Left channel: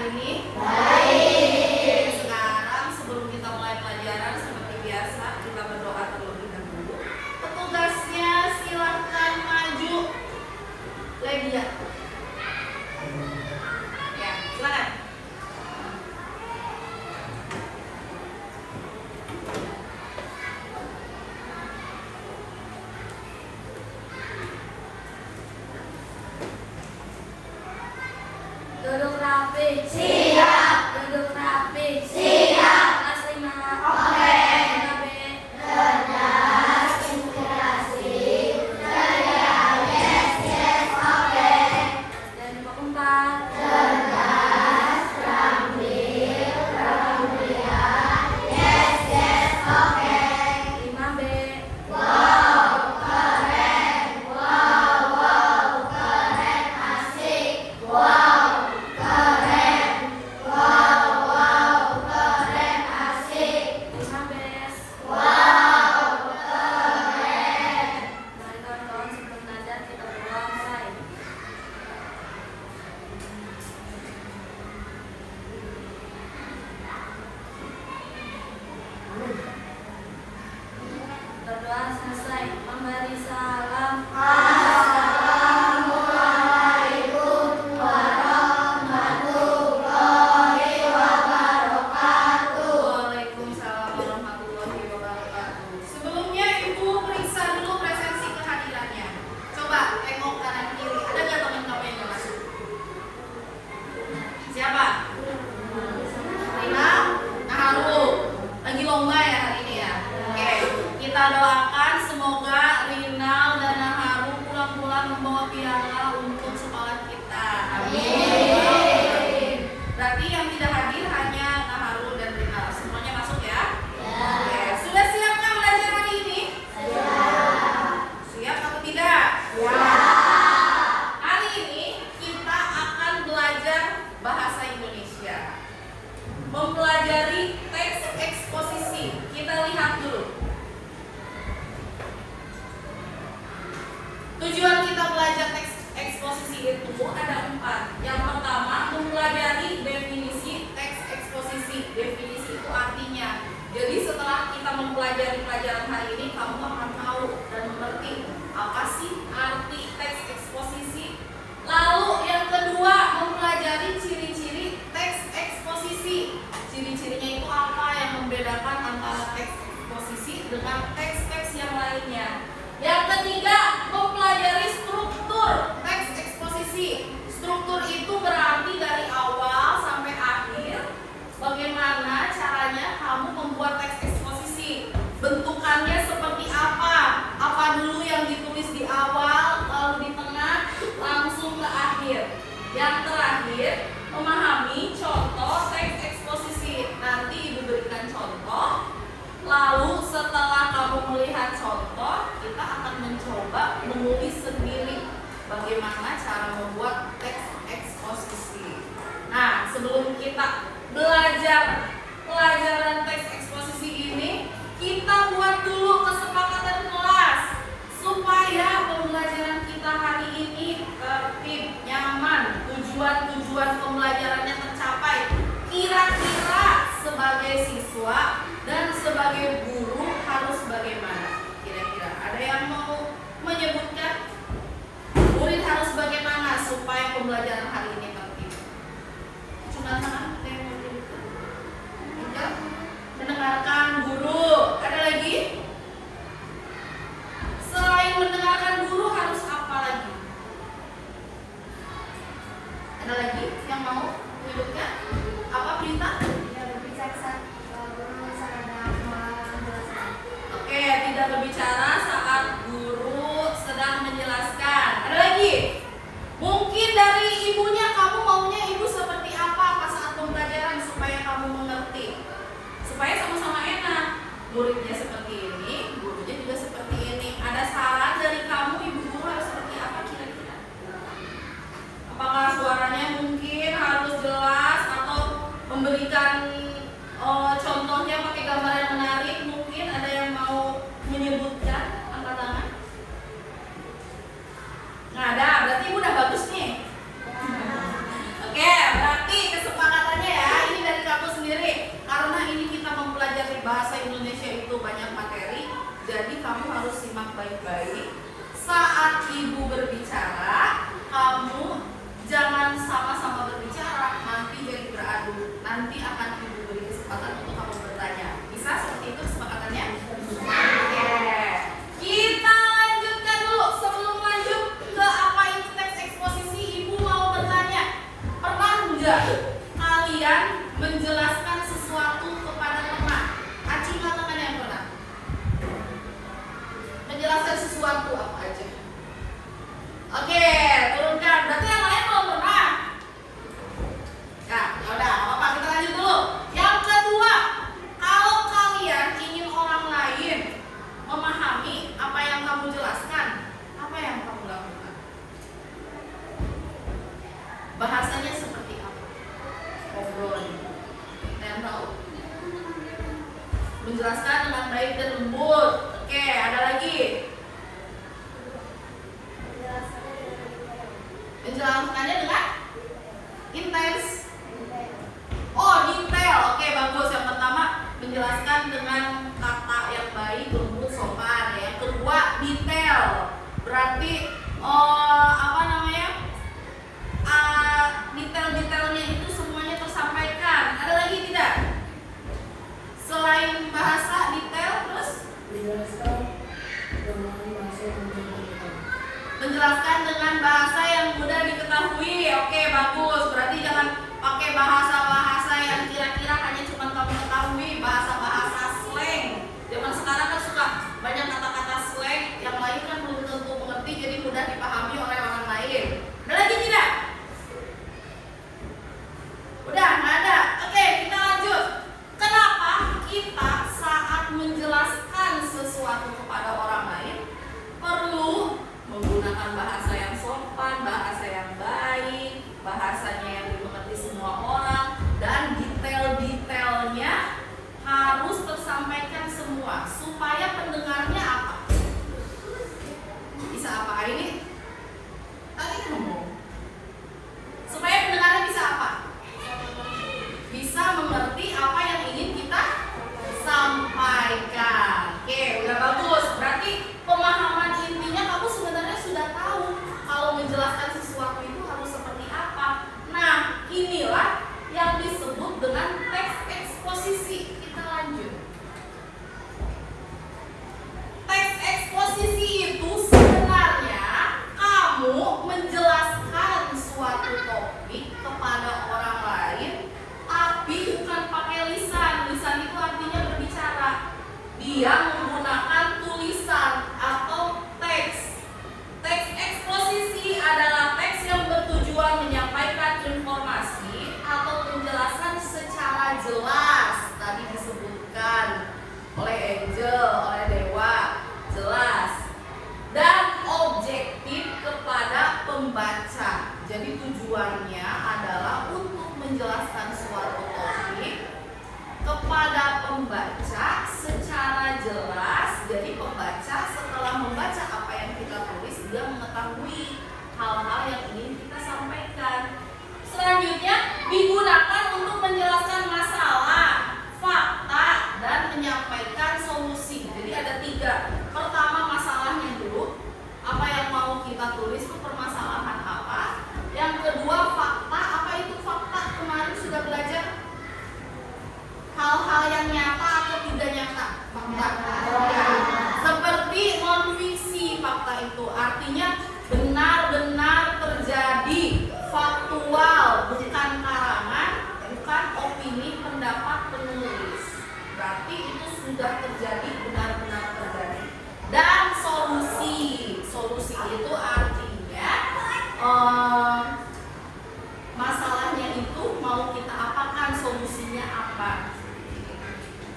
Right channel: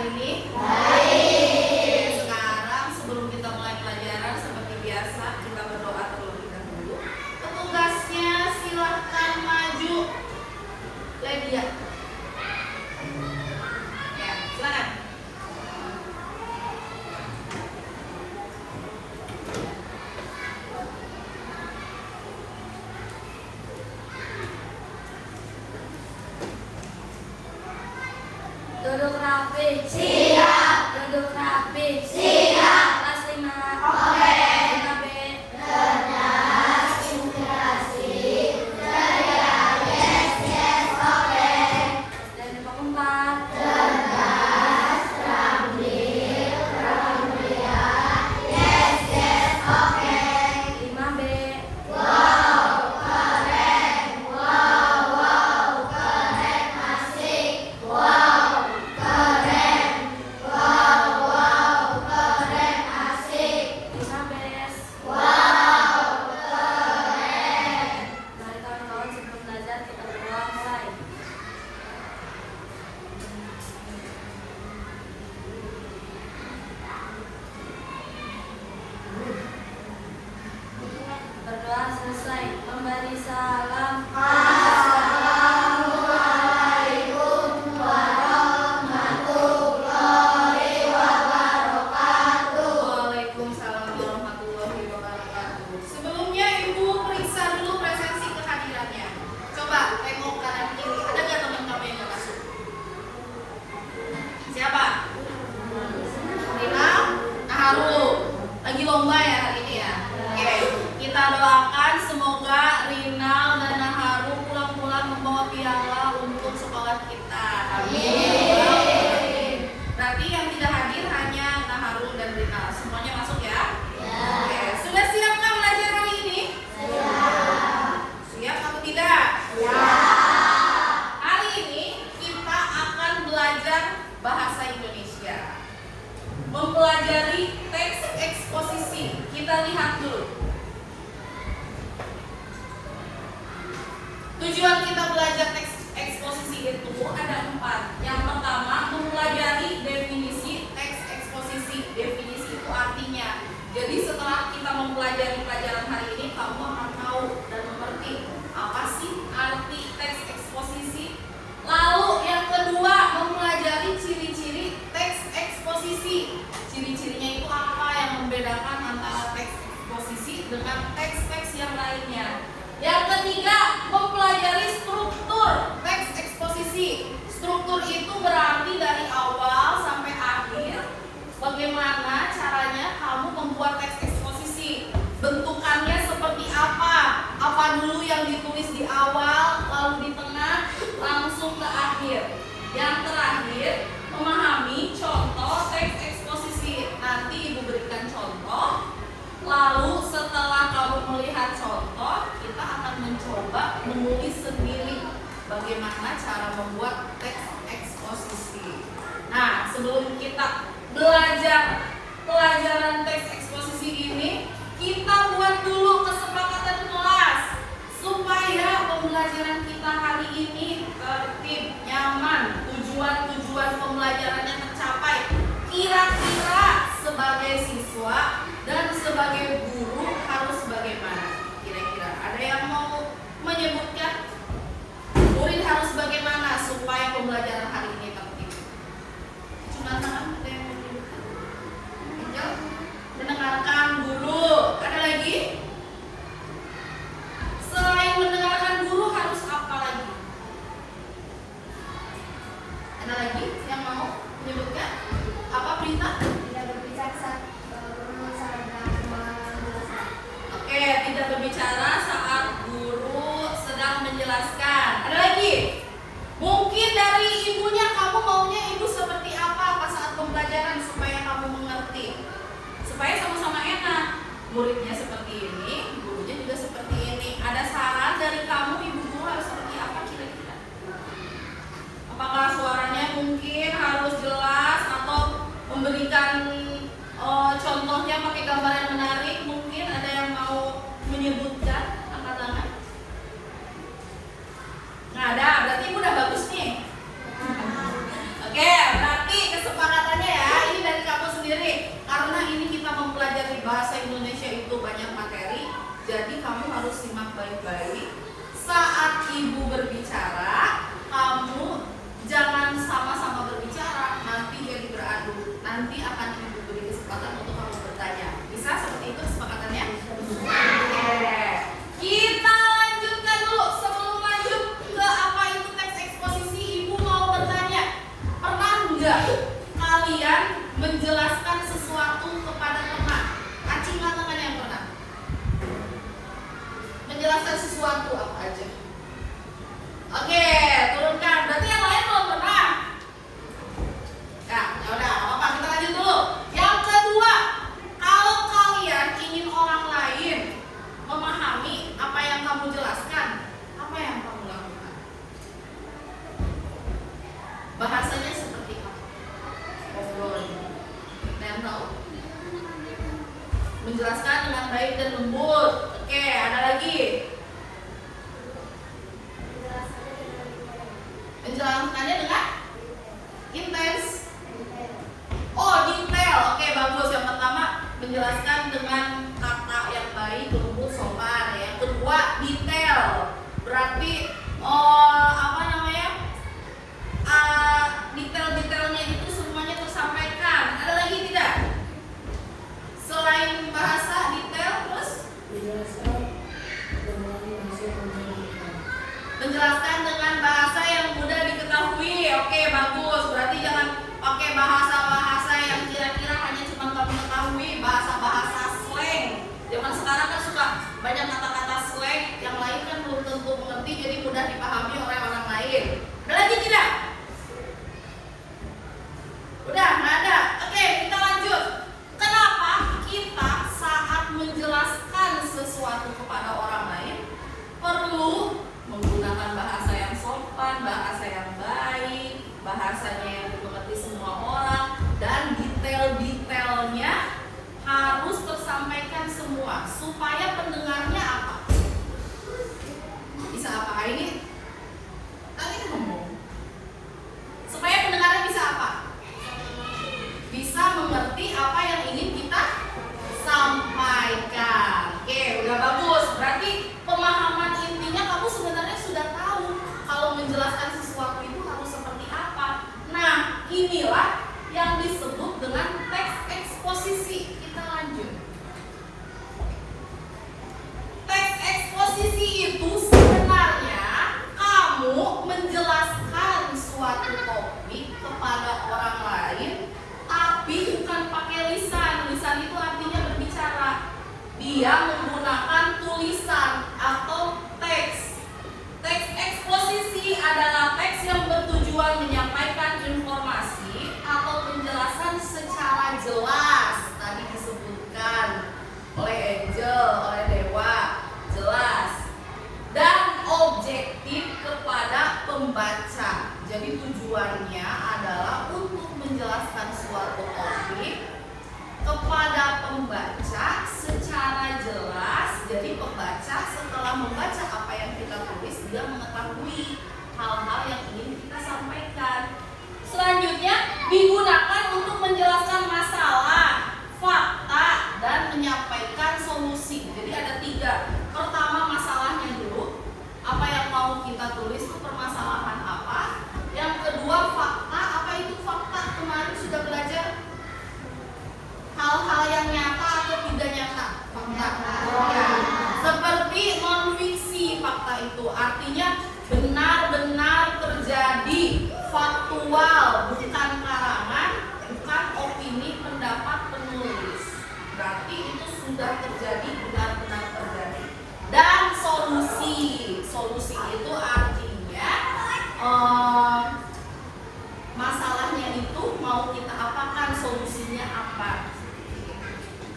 hari ini? Baik. Sekarang sebelum kita mulai pelajaran seperti biasa kita berdoa terlebih dahulu. Petugasnya silahkan maju. Ledia. Ya, silakan. Duduk rapi. Siap. Duduk rapi. Siap. Kelas 5. Oke. 5B. Cerdas, inspirasi, ceria, yes, yes, oke. Dan 4. Cerdas, terampil, mulia, yes, yes, oke. 5B. Wow, keren. Wow, keren, asik. Wow, keren. Wow, keren, asik. 5B. Wow, keren. Mari kawan-kawan sebelum belajar kita berdoa mulai. Berdoa selesai. Memberi salam. Assalamualaikum warahmatullahi wabarakatuh. Waalaikumsalam warahmatullahi wabarakatuh. Sebelumnya Ibu periksa dulu presensi kehadirannya. Coba tengok kanan kiri. Ada nggak teman kamu yang nggak masuk? Siapa? Rina? Naharu. Lagi lomba ya hari ini ya? Oke. Kita doakan semoga Rina dan Naharu pulang-pulang membawa piala untuk sekolah kita. Amin. Berarti yang tidak hadir hanya Naharu dan Rina. Semuanya masuk ya? Oke. Sudah siapkah belajar hari ini? Siap atau tidak? Hari ini kita akan belajar bahasa Indonesia. Mempelajari teks eksposisi. Kita lihat dulu. Tujuan kita belajar teks eksposisi itu ada 4. Yang pertama, mempelajari definisi teks eksposisi. Definisi itu artinya. Jadi setelah kita mempelajari pelajaran hari ini, kamu akan tahu dan mengerti apa sih arti teks eksposisi. Lalu yang kedua, mempelajari ciri-ciri teks eksposisi. Ciri-cirinya itu apa yang membedakan antara teks eksposisi dengan teks-teks yang lainnya. Yang ketiga, mempelajari struktur teks eksposisi. Struktur itu berarti dari awal sampai akhir. Bagaimana caranya kamu membuat teks eksposisi? Bentukannya seperti apa? Apa dulu yang ditulis di awal, lalu di tengah, langsung ke akhir. Yang terakhir, memahami contoh teks eksposisi. Nanti Ibu berikan contoh. Lalu setelah kamu melihat contoh, kita akan mencoba menulis sendiri bagaimana cara membuat teks eksposisi. Nah, sebelum kita belajar pelajaran teks eksposisi ini, kita buat dulu kesepakatan kelas supaya pembelajaran kita hari ini tertib, nyaman, tujuan pembelajarannya tercapai. Kira-kira sebagai siswa dan sebagai guru harus bagaimana? Kira-kira ada yang mau menyebutkan? Murid harus bagaimana supaya pembelajaran hari ini tertib? Cuma tangan, ada yang mau menyebutkan? Enggak? Mendengarkan guru. Ada lagi? Selain mendengarkan guru harus apa lagi? Ada lagi yang mau menyebutkan? Apa berita? Tidak berbicara saat ada kemalangan jelaskan. Oke, tidak berbicara saat guru sedang menjelaskan. Ada lagi? Mungkin dari ibunya kamu maunya ibu seperti apa pas saat pembelajaran supaya kamu mengerti, supaya sama-sama enak. Muridnya seperti ini, gurunya juga seperti ini. Ada saran dari kamu, ibu guru harus seperti apa kira-kira? Apakah suaranya mungkin harus jelas atau memberikan contohnya pakai gambar yang menarik? Mungkin ada yang mau menyebutkan, angkat tangan. Nggak ada, berarti udah bagus nih. Oke, berarti kesepakatan harus simak baik-baik. Saat ibu berbicara, kamu jangan sama-sama berbicara, nanti jadi beradu. Nanti akan ibu beri kesempatan untuk kamu bertanya. Bisa seperti itu kesepakatannya? Oke. Kita lanjutkan dulu. Sebelum lanjut ke apa itu teks eksposisi, ibu mau bertanya, pernah enggak kalian menjelaskan sesuatu kepada teman? Aci mengatakan yang pernah menjelaskan sesuatu apa aja? Oke, turunkan. Berarti yang lain belum pernah. Nah, ya udah, apa kita lanjut dulu. Yang kedua, kalau kalian ingin orang lain memahami apa yang kamu jelaskan, apa yang kamu lakukan? Bahasanya seperti apa? Ngobrol. Yang tahu? Menjelaskan dengan baik dan lembut. Oke, ada lagi. Menjelaskannya dengan intens. Oh, detail. Oke, bagus. Yang pertama, menjelaskan dengan kata yang baik, lembut, sopan. Yang kedua, detail. Berarti apa namanya? Detail-detailnya itu semuanya tersampaikan. Ada lagi tidak? Selain bahasa detail, terus menjelaskan dengan bahasa yang mudah diketahui. Oke, bagus. Berarti jangan pakai bahasa-bahasa yang kira-kira hanya cuma kamu ketahui, bahasa-bahasa slang. Zaman sekarang kan suka banyak kata-kata slang yang lain kan belum tentu mengerti, jadi mudah dipahami oleh orang lain. Ada lagi tidak? Udah, nggak ada. Oke, kita lanjut. Kenapa kita saat menjelaskan sesuatu kepada orang lain perlu menggunakan bahasa yang sopan, bahasa yang baik, bahasanya yang dimengerti semua orang, dan detail-detailnya harus tersampaikan semua supaya pendengarnya apa? Bisa apa ini? Tadi ngomong. Supaya pendengarnya bisa apa? Bisa mengerti apa yang ingin kita sampaikan. Oke, udah bagus. Berarti pemahaman intinya kamu sebenarnya sudah tahu kalau menjelaskan sesuatu itu harus seperti apa. Nah, inilah yang disebut dengan teks eksposisi. Kita lanjut. Teks eksposisi itu sebenarnya kamu menjelaskan suatu topik kepada orang lain, tapi bukan pakai lisan. Lisan itu artinya berbicara. Dia menggunakan tulisan atau teks. Teks eksposisi adalah teks yang bertujuan menyampaikan informasi atau penjelasan secara jelas. Tadi disebutkan oleh Angel, oleh Dewa, jelas dan objektif kepada pembaca. Jadi tujuannya adalah untuk menjelaskan suatu topik kepada pembaca secara jelas. Jadi pembaca setelah membaca apa yang kita tulis, dia mengetahui hal-hal yang ingin kita sampaikan. Selanjutnya digunakan untuk menjelaskan masalah, fakta, dan menyampaikan solusi. Jadi ada 3. Pertama, masalahnya dulu, apa yang mau kita tulis itu permasalahan apa. Yang kedua, fakta. Apa itu fakta? Kemarin sudah belajar hal-hal yang nyata atau tidak nyata. Fakta. Seperti non-fiksi. Fakta itu artinya benar-benar terjadi, faktual, bukan karangan, bukan opini, pendapat penulis. Berarti itu sudah terjadi, benar-benar terjadi. Dan solusi. Solusi itu artinya masalahnya itu mau kita apakan, solusinya apa.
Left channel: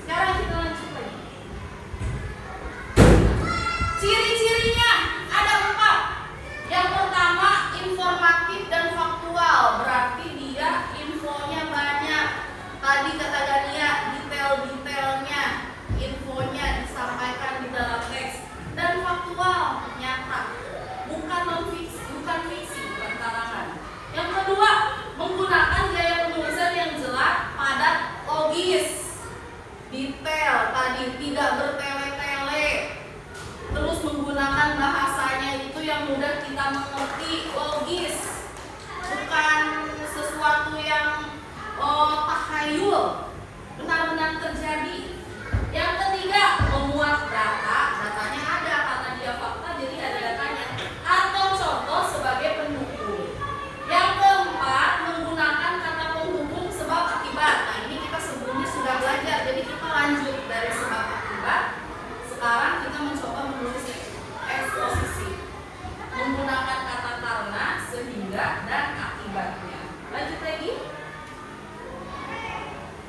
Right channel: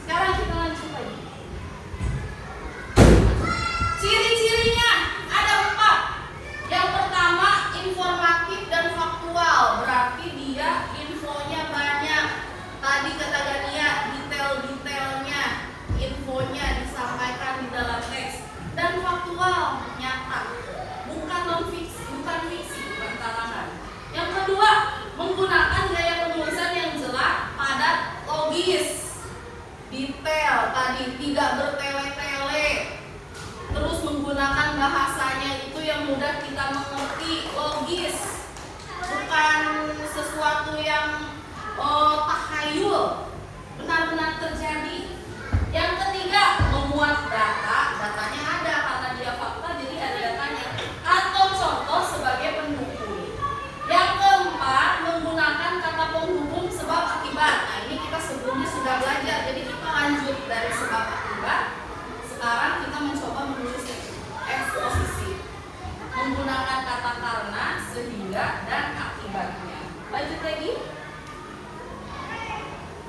Sekarang kita lanjut lagi. Ciri-cirinya ada 4. Yang pertama, informatif dan faktual. Berarti dia infonya banyak. Tadi kata Dania, detail-detailnya, infonya disampaikan di dalam teks. Dan faktual, nyata. Bukan non-fiksi, bukan fiksi, bukan karangan. Yang kedua, menggunakan gaya penulisan yang jelas, padat, logis, detail. Tadi tidak bertele-tele. denial, benar-benar terjadi. Yang ketiga, memuat data, datanya ada karena dia fakta jadi ada datanya, atau contoh sebagai pendukung. Yang keempat, menggunakan kata penghubung sebab akibat. Nah, ini kita sebelumnya sudah belajar, jadi kita lanjut dari sebab akibat. Sekarang kita mencoba menulis eksposisi menggunakan kata karena, sehingga, dan akibatnya. Lanjut lagi.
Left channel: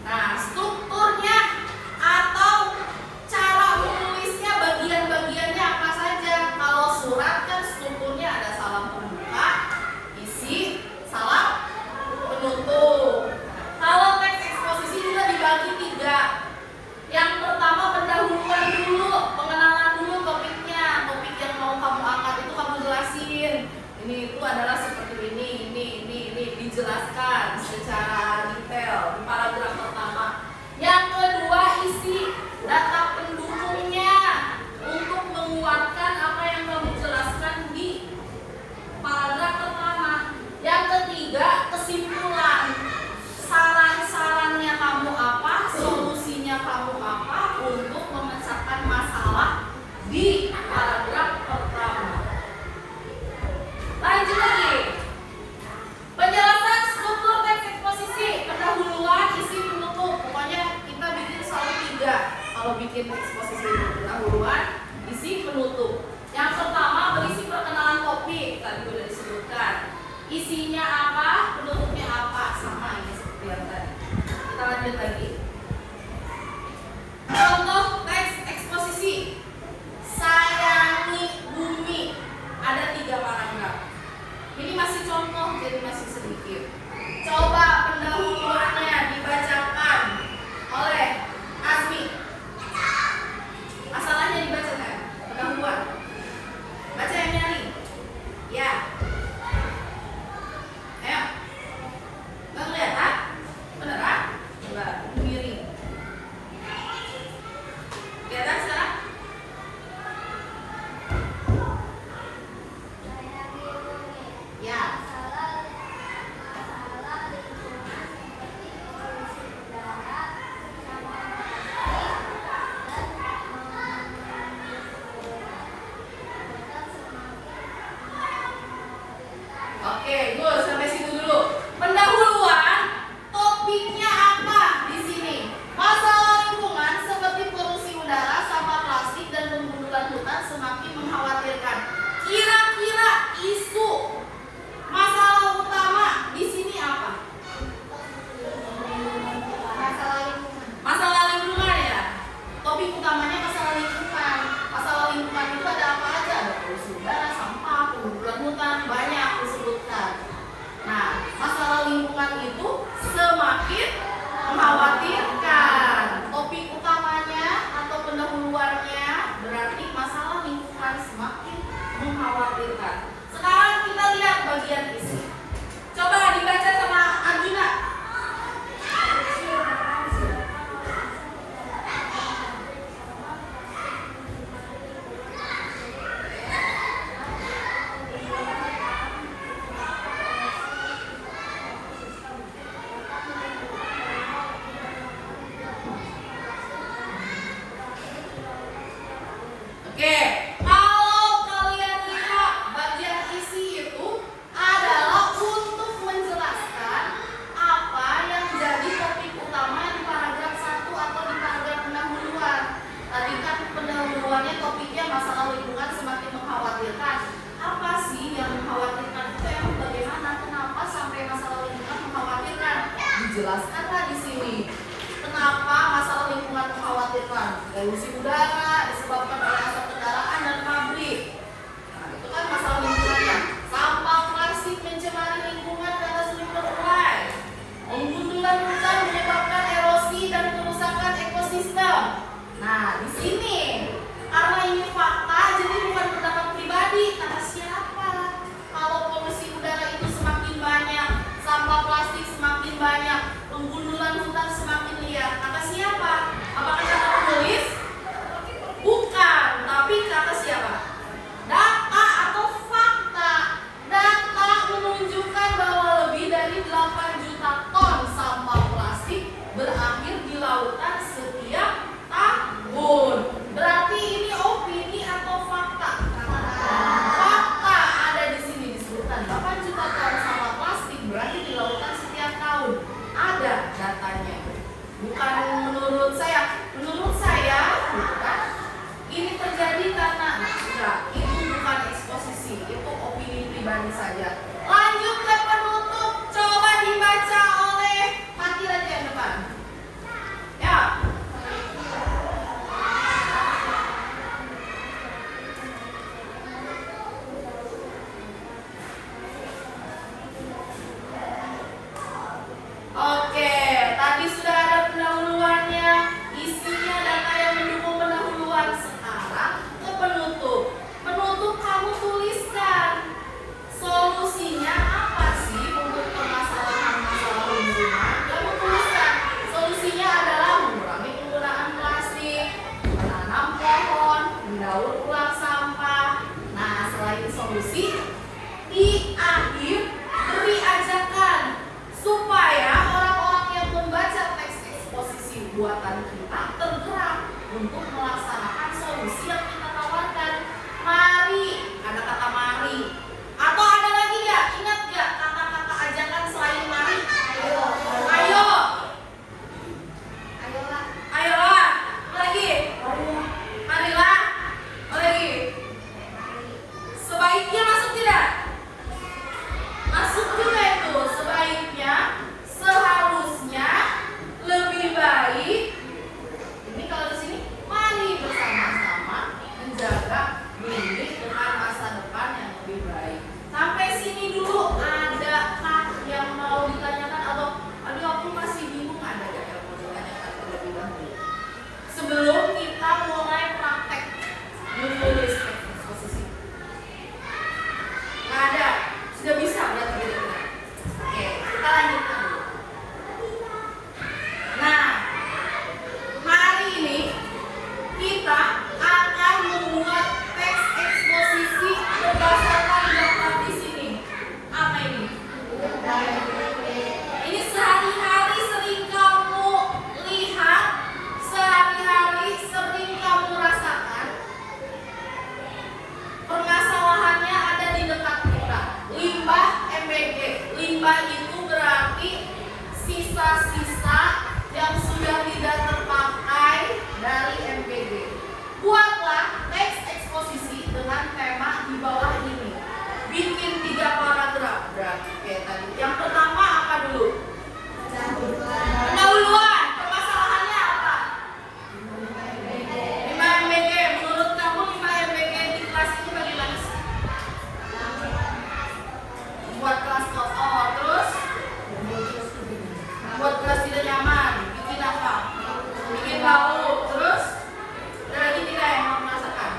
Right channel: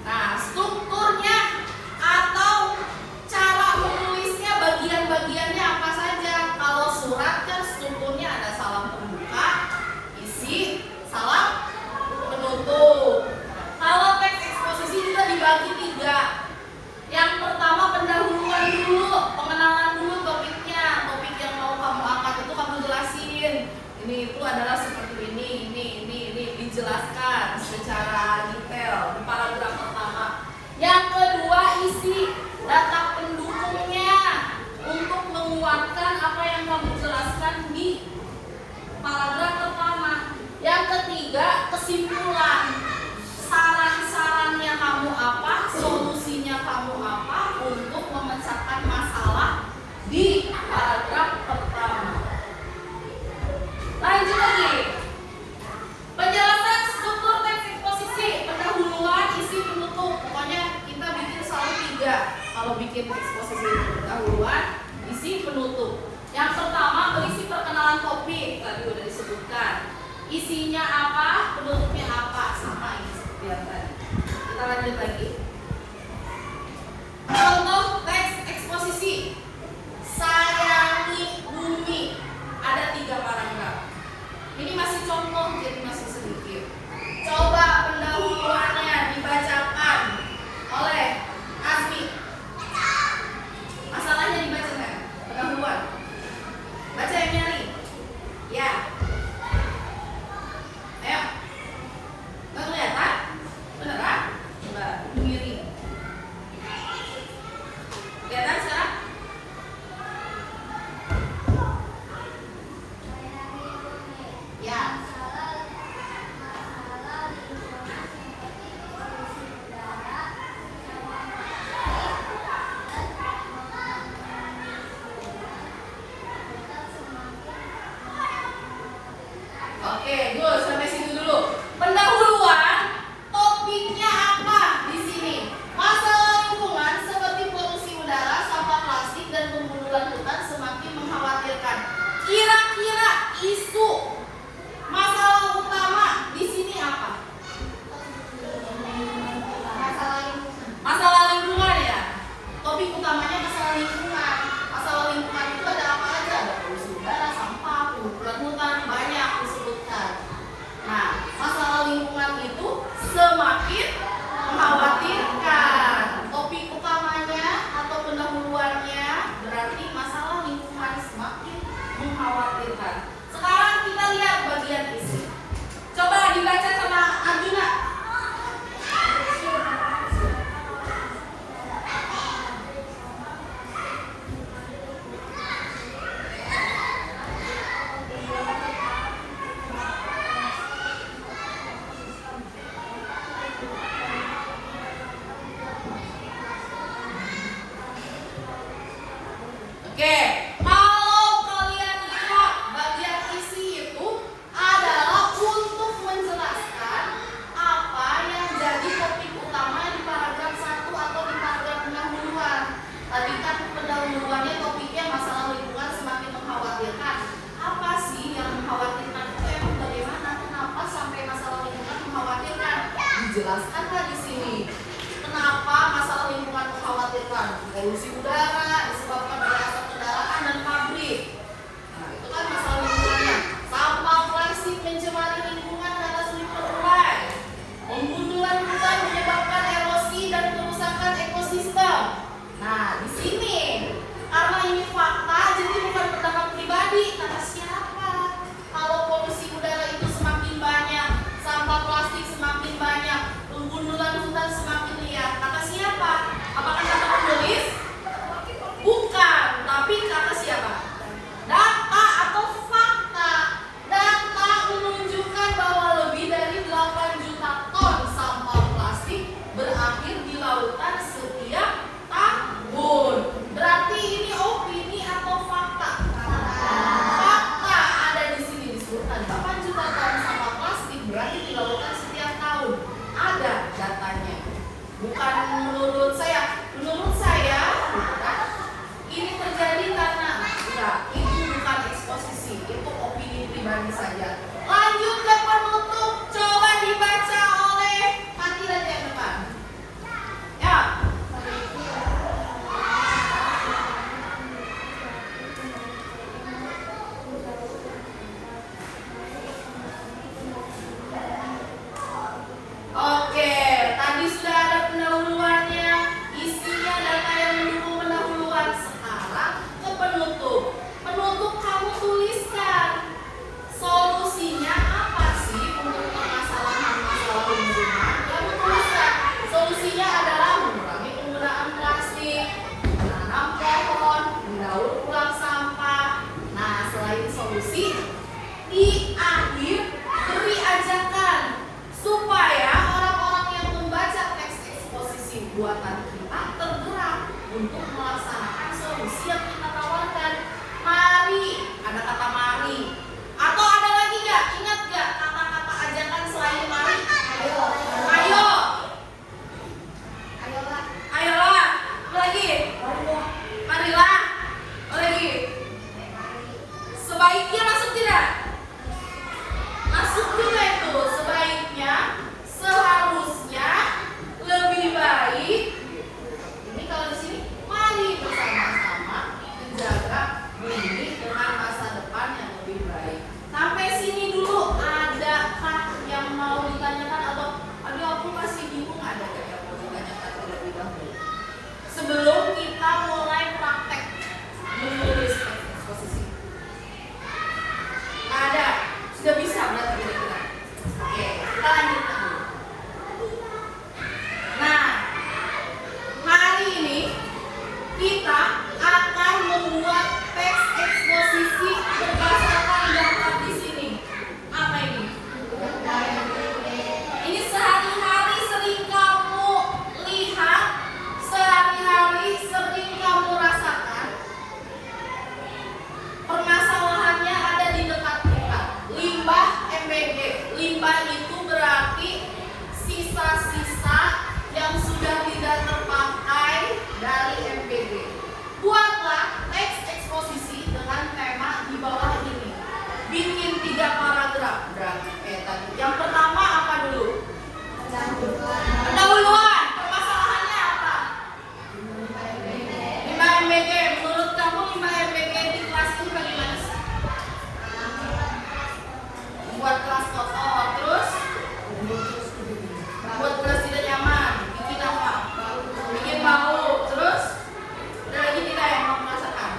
Nah, strukturnya atau cara menulisnya, bagian-bagiannya apa saja. Kalau surat kan strukturnya ada salam pembuka, isi, salam penutup. Kalau teks eksposisi kita dibagi 3. Yang pertama pendahuluan dulu, pengenalan dulu topiknya, topik yang mau kamu angkat itu kamu jelasin. Ini itu adalah seperti ini dijelaskan secara detail di paragraf pertama. Yang kedua, isi data pendukungnya untuk menguatkan apa yang kamu jelaskan di paragraf pertama. Yang ketiga, kesimpulan. Saran-sarannya kamu apa, solusinya kamu apa untuk memecahkan masalah di paragraf pertama. Lanjut lagi. Penjelasan struktur teks eksposisi, pendahuluan, isi, penutup. Pokoknya kita bikin selalu 3. Kalau bikin eksposisi itu pendahuluan, isi, penutup. Yang pertama berisi perkenalan topik, tadi sudah disebutkan. Isinya apa, penutupnya apa, sama ini seperti yang tadi. Kita lanjut lagi. Contoh teks eksposisi. Sayangi bumi. Ada 3 paragraf. Ini masih contoh, jadi masih sedikit. Coba pendahuluannya dibacakan oleh Azmi. Masalahnya dibaca kan? Pendahuluan. Baca yang nyari. Ya. Ayo. Nggak kelihatan? Beneran? Enggak. Miring. Kelihatan sekarang? Ya. Oke, dulu sampai situ dulu. Pendahuluan, topiknya apa di sini? Masalah lingkungan seperti polusi udara, sampah plastik, dan pembunuhan hutan semakin mengkhawatirkan. Kira-kira isu masalah utama di sini apa? Masalah lingkungan ya. Topik utamanya masalah lingkungan. Masalah lingkungan itu ada apa aja? Ada polusi udara, sampah, pembunuhan hutan, banyak disebutkan. Nah, masalah lingkungan itu semakin mengkhawatirkan. Topik utamanya atau pendahuluannya berarti masalah lingkungan semakin mengkhawatirkan. Sekarang kita lihat bagian isi. Coba dibaca sama Arjuna. Oke, kalau kalian lihat bagian isi itu adalah untuk menjelaskan apa yang jadi topik utama di paragraf 1 atau di paragraf pendahuluan. Tadi kan pendahuluannya topiknya masalah lingkungan semakin mengkhawatirkan. Apa sih yang mengkhawatirkan itu emang bagaimana? Kenapa sampai masalah lingkungan mengkhawatirkan? Dijelaskanlah di sini. Kenapa masalah lingkungan mengkhawatirkan? Polusi udara disebabkan oleh asap kendaraan dan pabrik. Nah, itu kan masalah lingkungannya. Sampah plastik mencemari lingkungan karena sering terurai. Pembunuhan hutan menyebabkan erosi dan kerusakan ekosistem. Nah, di sini karena ini fakta, jadi bukan pendapat pribadi. Kata siapa? Kalau polusi udara itu semakin banyak, sampah plastik semakin banyak, pembunuhan hutan semakin liar. Kata siapa? Apakah kata penulis? Bukan, tapi kata siapa? Data atau fakta. Data menunjukkan bahwa lebih dari 8 juta ton sampah plastik saja. Lanjut ke penutup, coba dibaca oleh Fatih aja yang depan. Ya. Oke, tadi sudah ada pendahuluannya, isinya data yang mendukung pendahuluan. Sekarang ke penutup. Penutup kamu tuliskan solusinya apa sih untuk permasalahan masalah lingkungan. Kamu tuliskan solusinya adalah mengurangi penggunaan plastik, menanam pohon, mendaur ulang sampah. Nah, selain solusi, di akhir beri ajakan supaya orang-orang yang membaca teks eksposisi buatan kita tergerak untuk melaksanakan solusi yang kita tawarkan. Mari, ada kata mari. Atau ada lagi nggak? Ingat nggak kata-kata ajakan selain mari? Ayo. Ayolah. Ayolah. Lagi. Marilah. Lagi. Sebaiknya masuk tidak? Masuk juga itu. Sebaiknya, seharusnya, lebih baik. Ini kalau di sini, mari bersama-sama menjaga bumi dengan masa depan yang lebih baik. Sampai sini dulu, adakah yang mau ditanyakan atau aduh aku masih bingung, ada gak yang mau ditanyakan terlebih dahulu? Sebelum kita mulai praktek menulis teks eksposisi. Nggak ada, sudah bisa berarti kira-kira. Oke, kita lanjutkan dulu. Nah, hari ini kita akan membuat teks eksposisi berdasarkan daftar di sini. Apa ini? Ini sehari-hari sering kamu lihat, sehari-hari sering kamu rasakan. Permasalahannya ada di dekat kita. Limbah MBG. Limbah itu berarti sisa-sisa yang sudah tidak terpakai dari MBG. Buatlah teks eksposisi dengan tema di bawah ini. Bikin 3 paragraf berarti tadi. Yang pertama apa dulu? Pendahuluan. Permasalahannya apa? Limbah MBG. Menurut kamu limbah MBG di kelas ini bagaimana sih? Membuat kelas kotor, terus membuat kelas tidak nyaman. Bikin apa? Bikin bau, terus ada lagi tidak yang mau merasakan?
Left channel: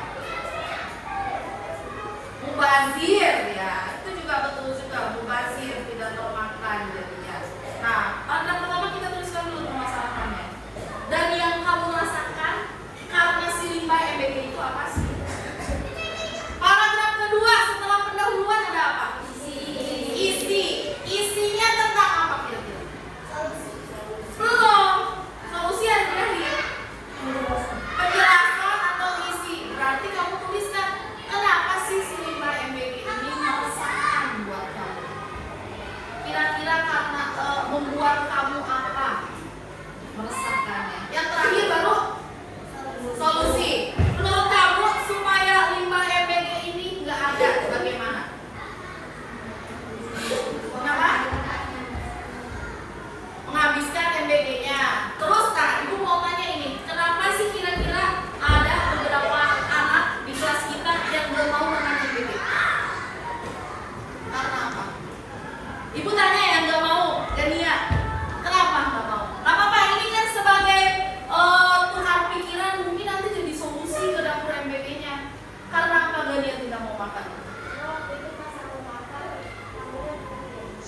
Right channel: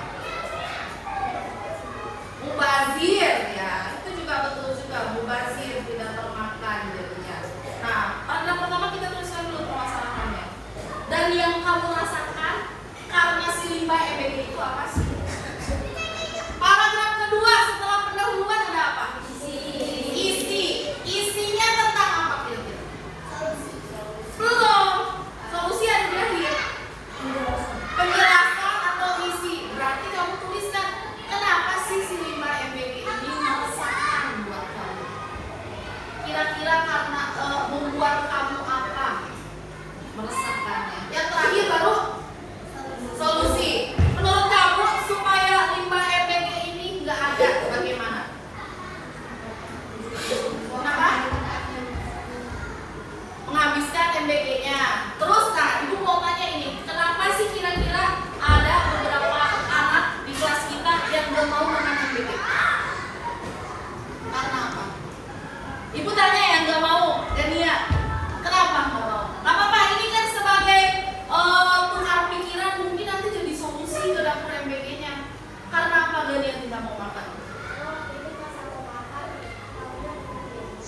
Mubazir, ya itu juga betul juga, mubazir tidak termakan jadinya. Nah, paragraf pertama kita tuliskan dulu permasalahannya. Dan yang kamu rasakan karena si limbah MBG itu apa sih? Paragraf kedua setelah pendahuluan ada apa? Isi. Isinya tentang apa kira-kira? Belum. Solusi ada di akhir. Penjelasan atau isi. Berarti kamu tuliskan kenapa sih si limbah MBG ini meresahkan buat kamu? Kira-kira karena membuat kamu apa? Meresahkannya. Yang terakhir baru solusi. Menurut kamu supaya limbah MBG ini nggak ada bagaimana? Kenapa? Menghabiskan MBG-nya. Terus nah, ibu mau tanya ini, kenapa sih kira-kira ada beberapa anak di kelas kita yang belum mau makan MBG? Karena apa? Ibu tanya yang nggak mau, dan iya. Kenapa nggak mau? Nggak apa-apa, ini kan sebagai tukar pikiran, mungkin nanti jadi solusi ke dapur MBG-nya. Karena apa dia tidak mau makan?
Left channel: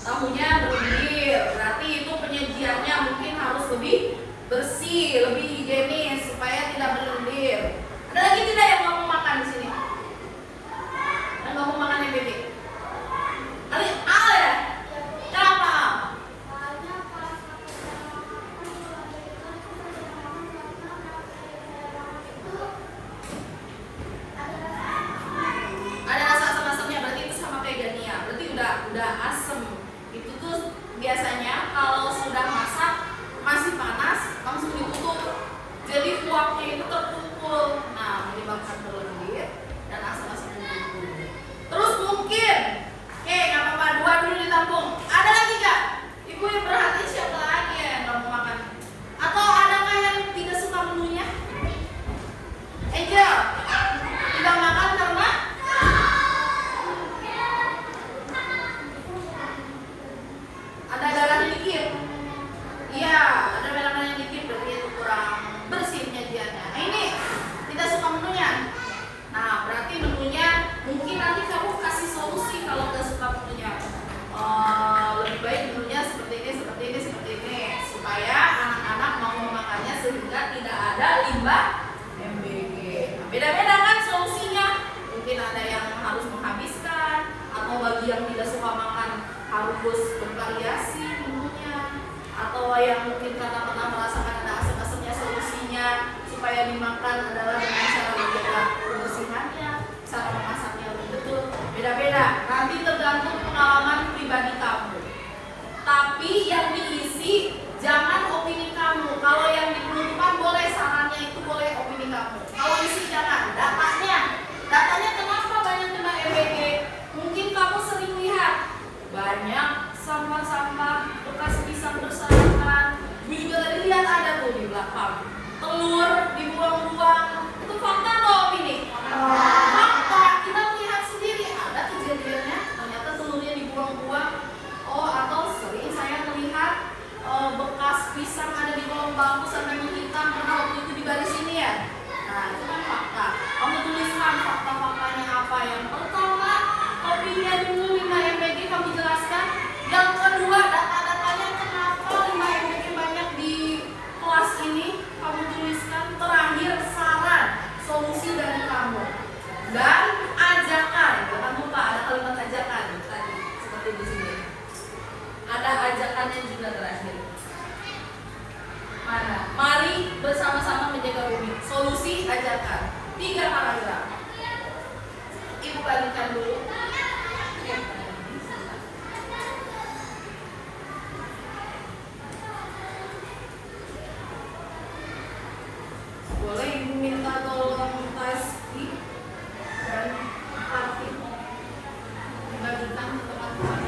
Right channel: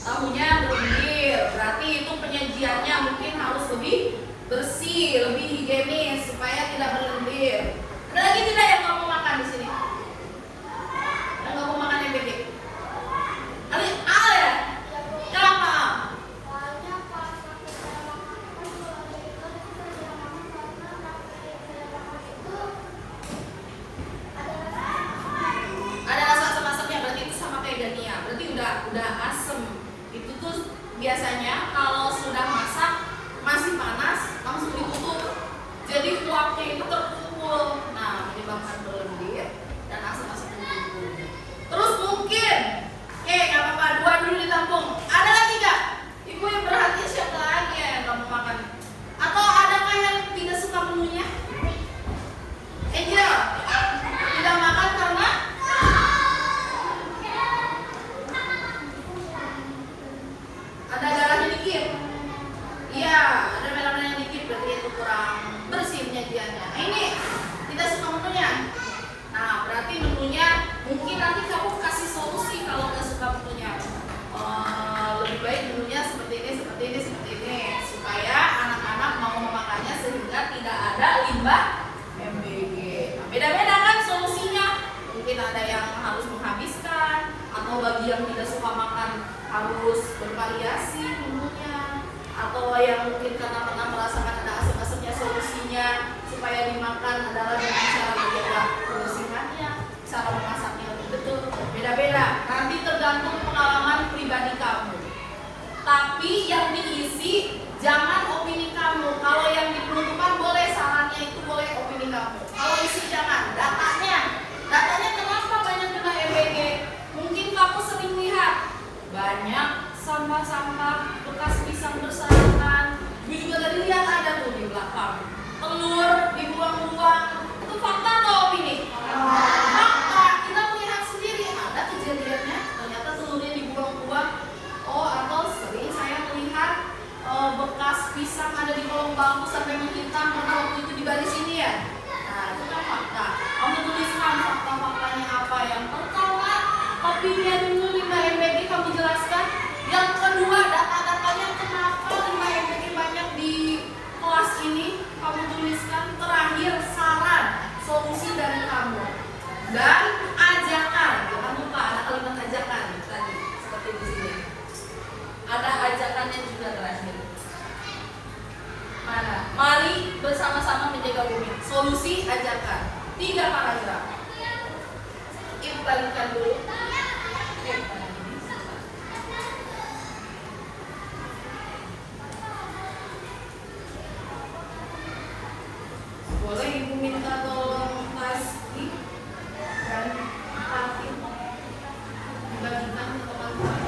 Tahunya berlendir, berarti itu penyajiannya mungkin harus lebih bersih, lebih higienis supaya tidak berlendir. Ada lagi tidak yang nggak mau makan di sini? Yang nggak mau makan MBG? Tadi Al ya? Kenapa? Ada rasa asam-asamnya, berarti itu sama kayak Dania. Berarti udah asem. Itu tuh biasanya kalau sudah masak masih panas langsung ditutup. Jadi uapnya itu terkumpul. Nah, menyebabkan mungkin karena pernah merasakan ada asam-asamnya, solusinya supaya dimakan adalah dengan cara menjaga kebersihannya, cara memasaknya lebih betul, beda-beda. Nanti tergantung pengalaman pribadi kamu. Tapi yang diisi jangan opini kamu. Kalau yang diperuntukkan boleh, sarannya itu boleh opini kamu. Kalau isi jangan. Datanya kenapa banyak kena EBG? Mungkin kamu sering lihat banyak sampah-sampah bekas pisang berserakan. Gue juga tadi lihat ada tuh di belakang. Telur dibuang-buang. Itu fakta atau opini? Fakta. Kita melihat sendiri ada kejadiannya. Ternyata telurnya dibuang-buang. Oh, atau sering saya melihat bekas pisang ada di kolong bangku sampai menghitam karena waktu itu dibaris ini ya. Nah, itu kan fakta. Kamu tuliskan fakta-faktanya apa. Yang pertama, opini dulu 5 MBG kamu jelaskan. Yang kedua, data-datanya kenapa 5 MBG banyak di kelas ini kamu tuliskan. Terakhir, saran, solusi dari kamu. Dan ajakan, jangan lupa ada kalimat ajakan tadi seperti di sini. Ada ajakannya juga terakhir. Mana? Mari bersama-sama menjaga bumi. Solusi, ajakan. 3 paragraf. Ibu balikan dulu. Boleh ibu minta tolong pasti dan parkir dibagikan ke teman-teman.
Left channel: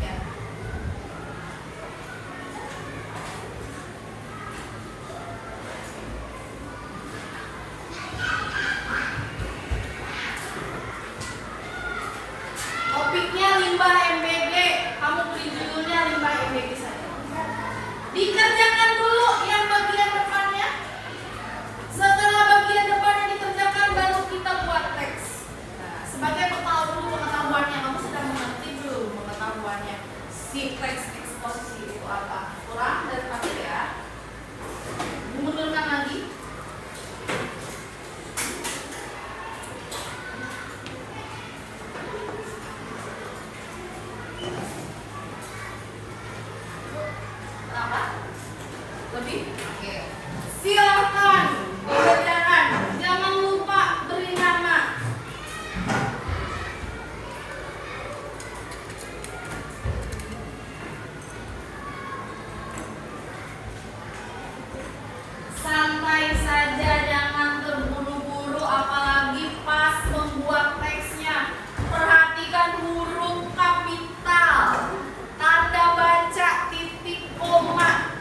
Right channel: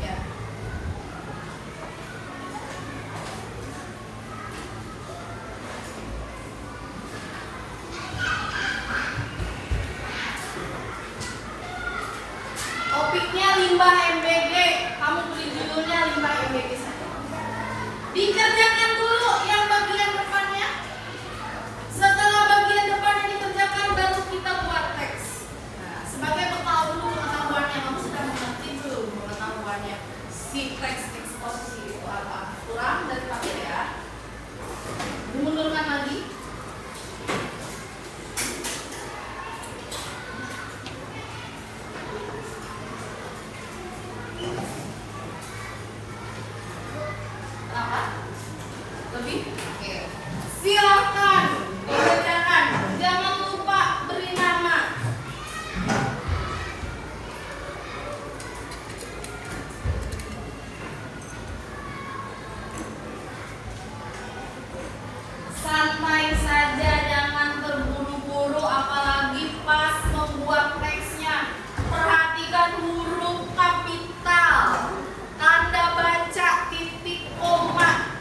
Ya. Topiknya limbah MBG. Kamu beri judulnya limbah MBG saja. Dikerjakan dulu yang bagian depannya. Setelah bagian depannya dikerjakan baru kita buat teks. Nah, sebagai bekal dulu pengetahuannya, kamu sudah mengerti belum pengetahuannya? Si teks eksposisi itu apa? Kurang daripada ya. Mundurkan lagi. Lebih? Oke. Silakan dibacakan. Jangan lupa beri nama. Santai saja, jangan terburu-buru, apalagi pas membuat teksnya. Perhatikan huruf kapital, tanda baca, titik, koma.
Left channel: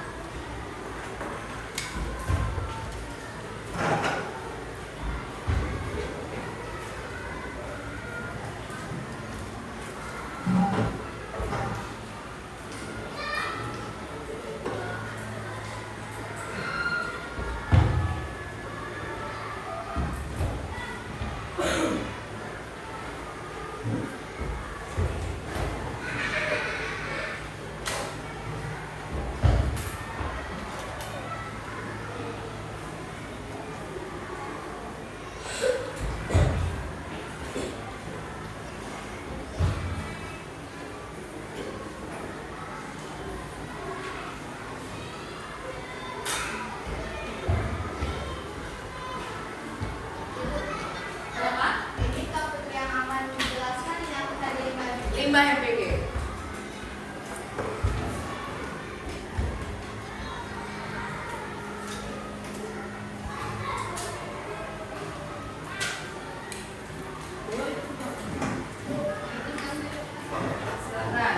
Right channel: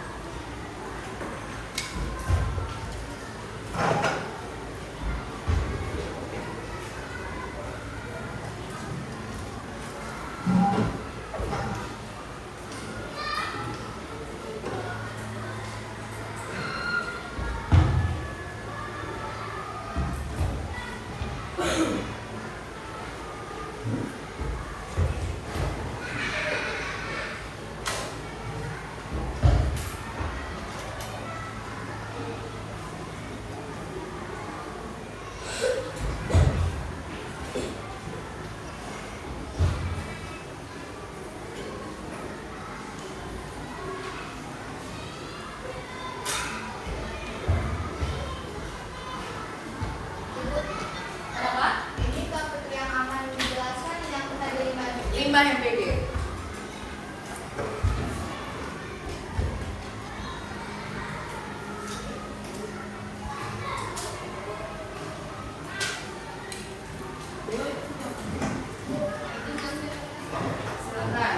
Ini topik yang akan menjelaskan yang tadi Limbah MBG. Silakan.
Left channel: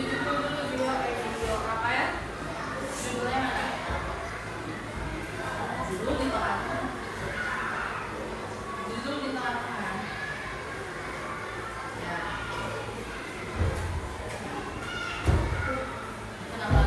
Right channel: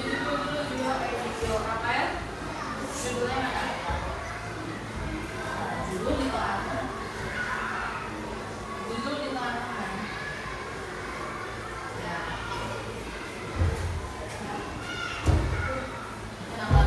Judul dulu video video Rafael. Judulnya mana? Judul di tengah. Judul di tengah. Ya. Kenapa?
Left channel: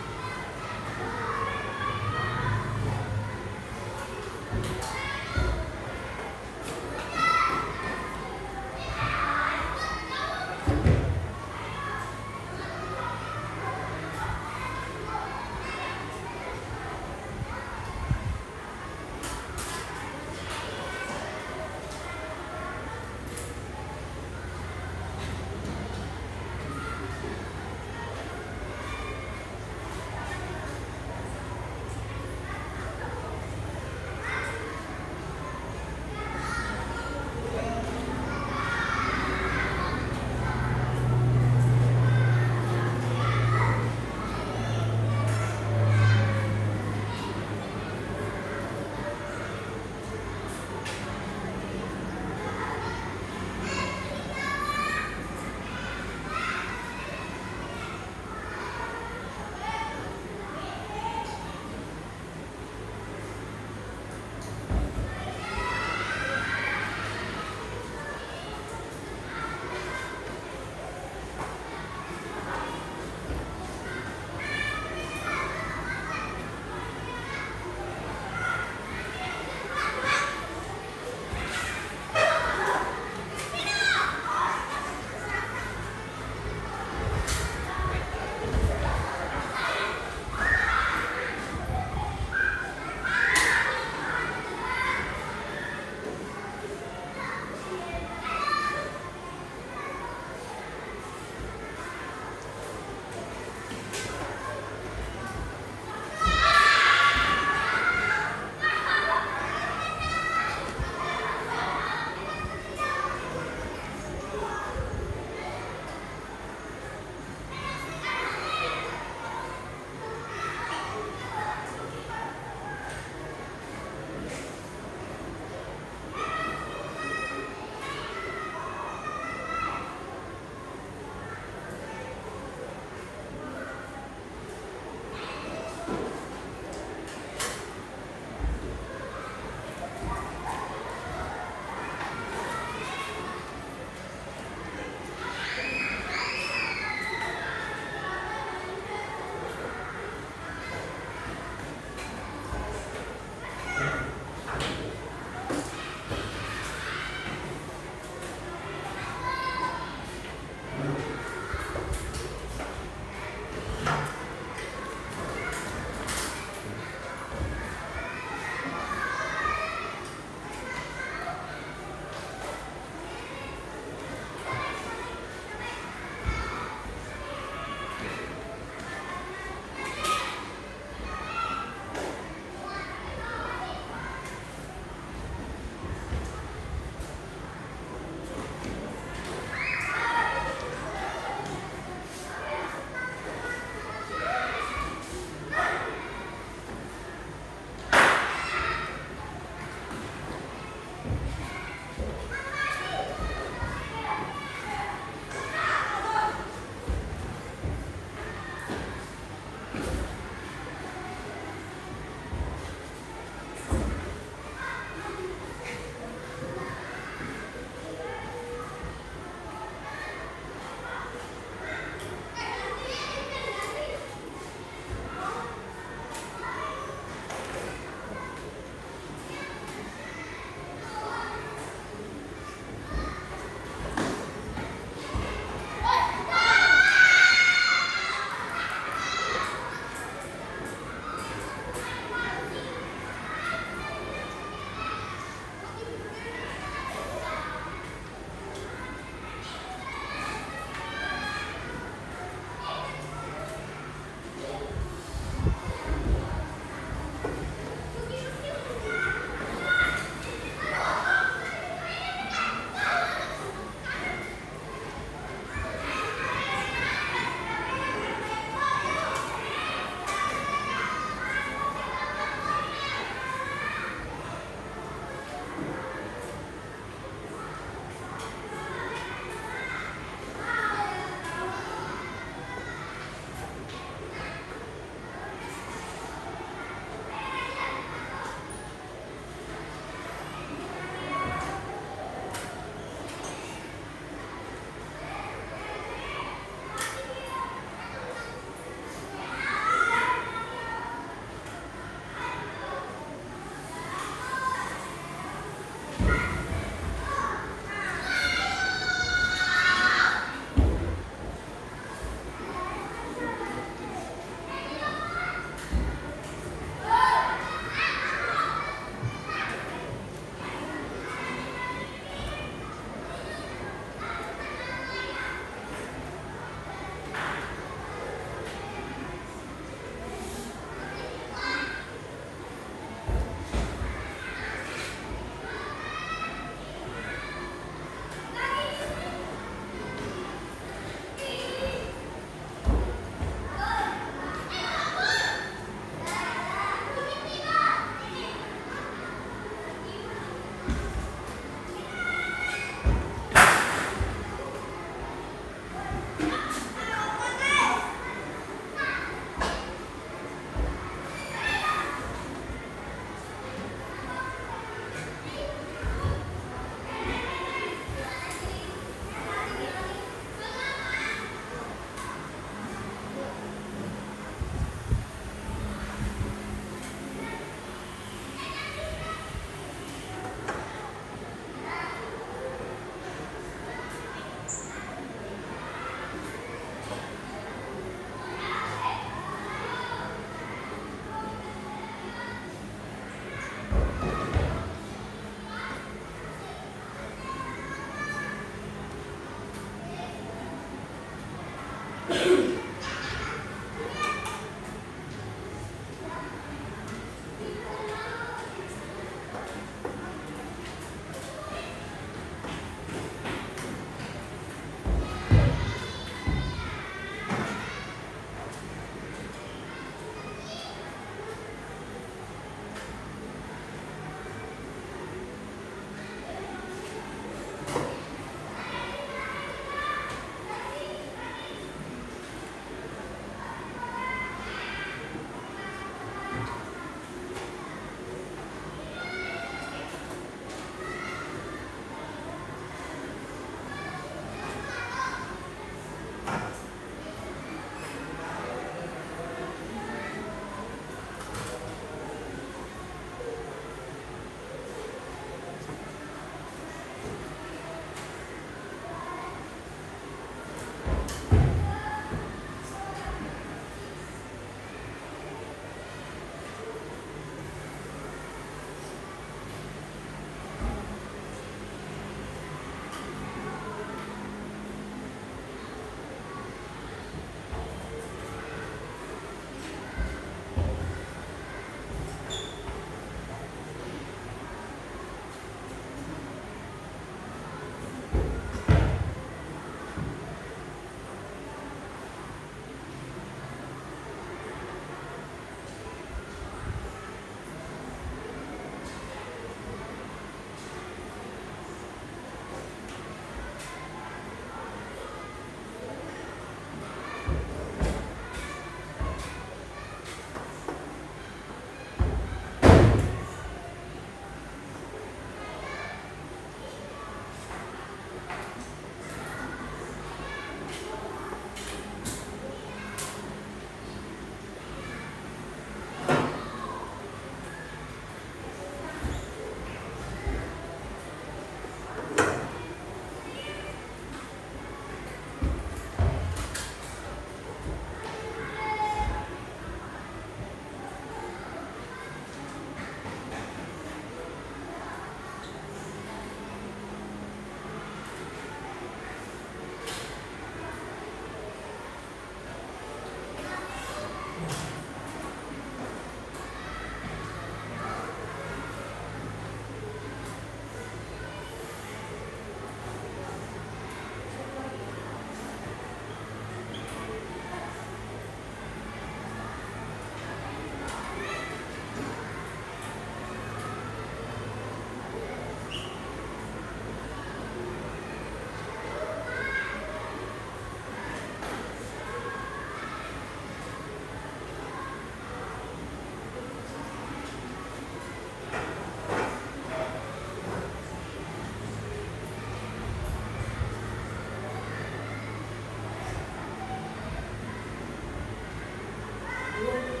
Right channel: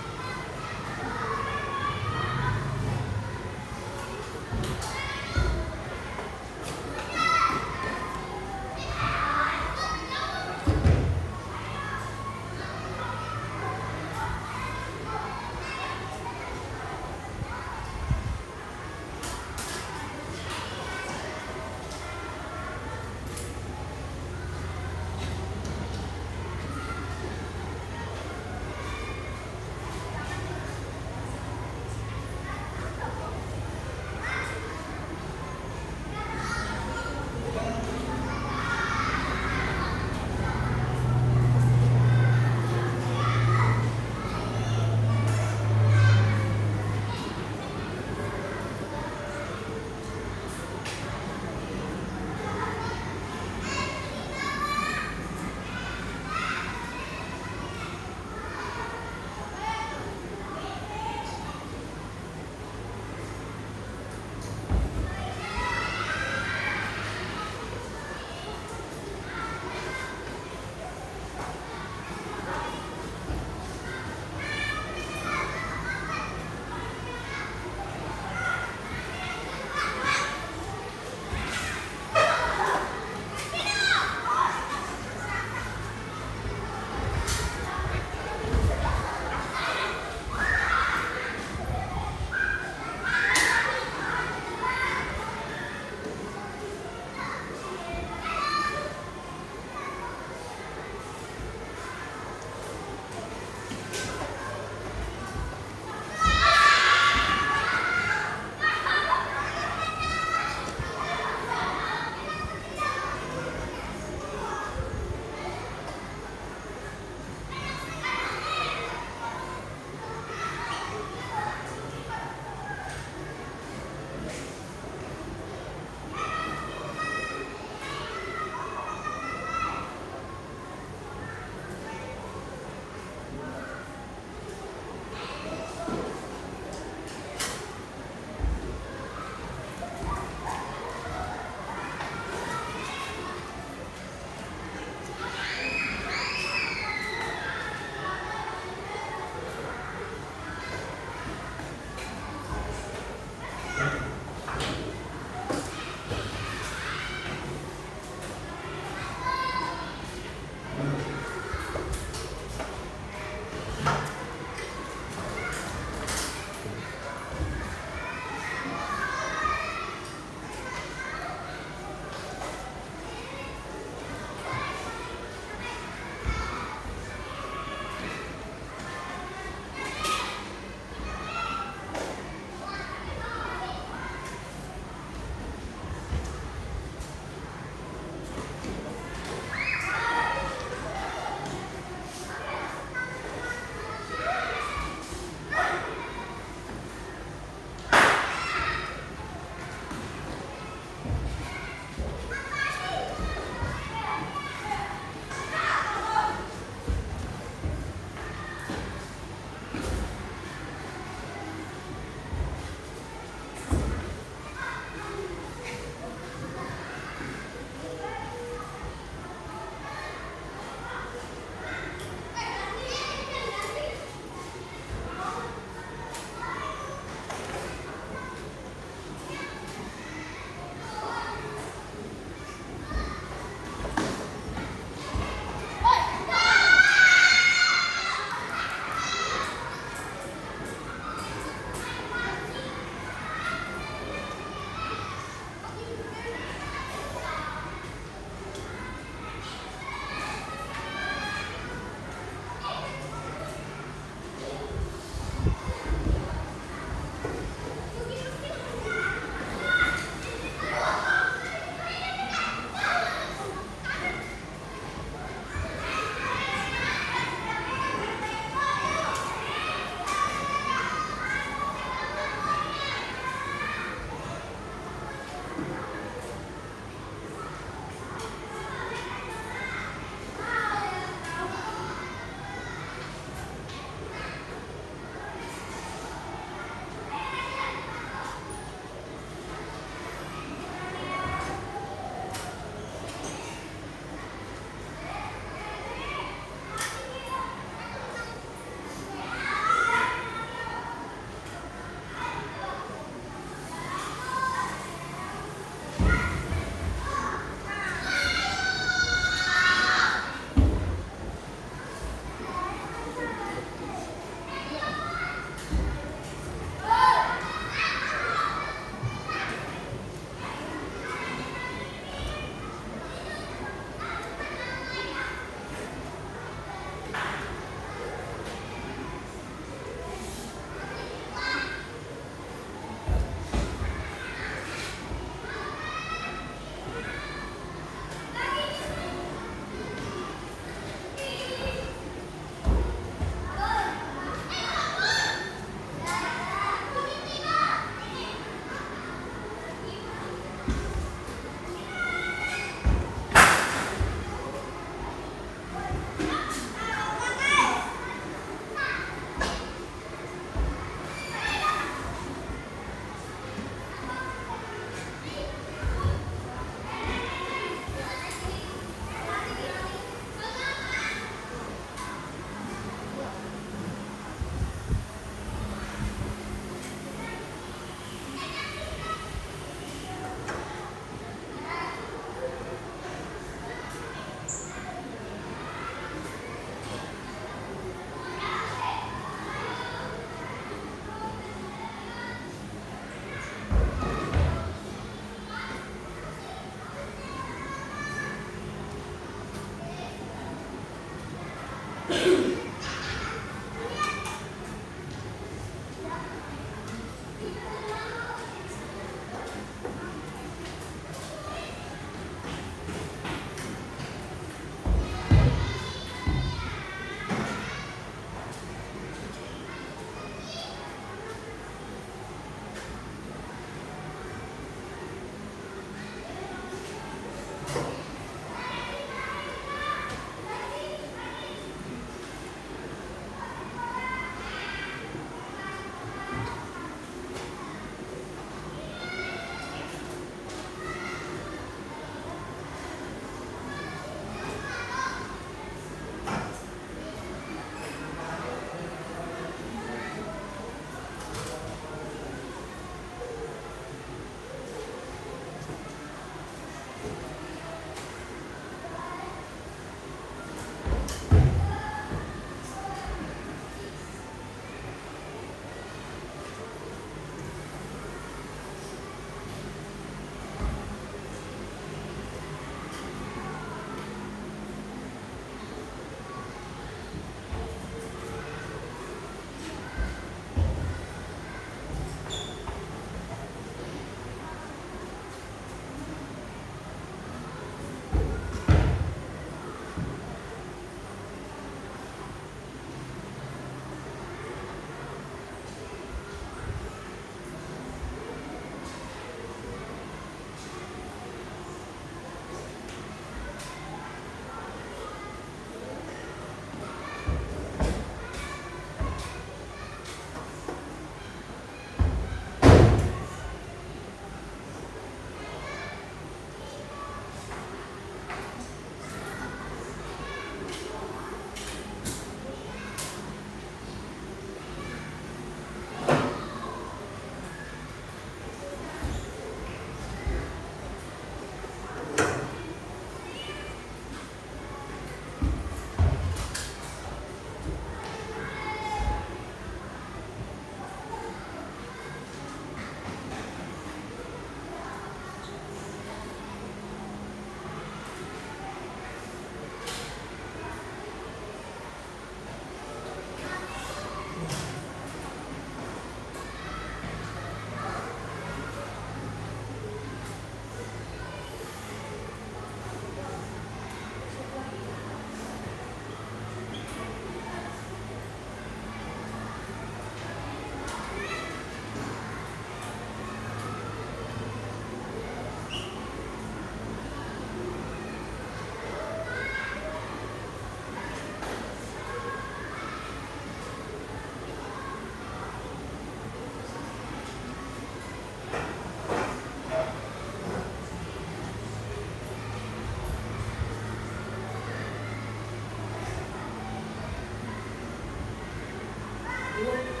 Apa?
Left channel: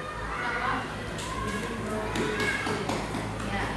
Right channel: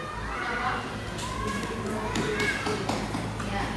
Ya.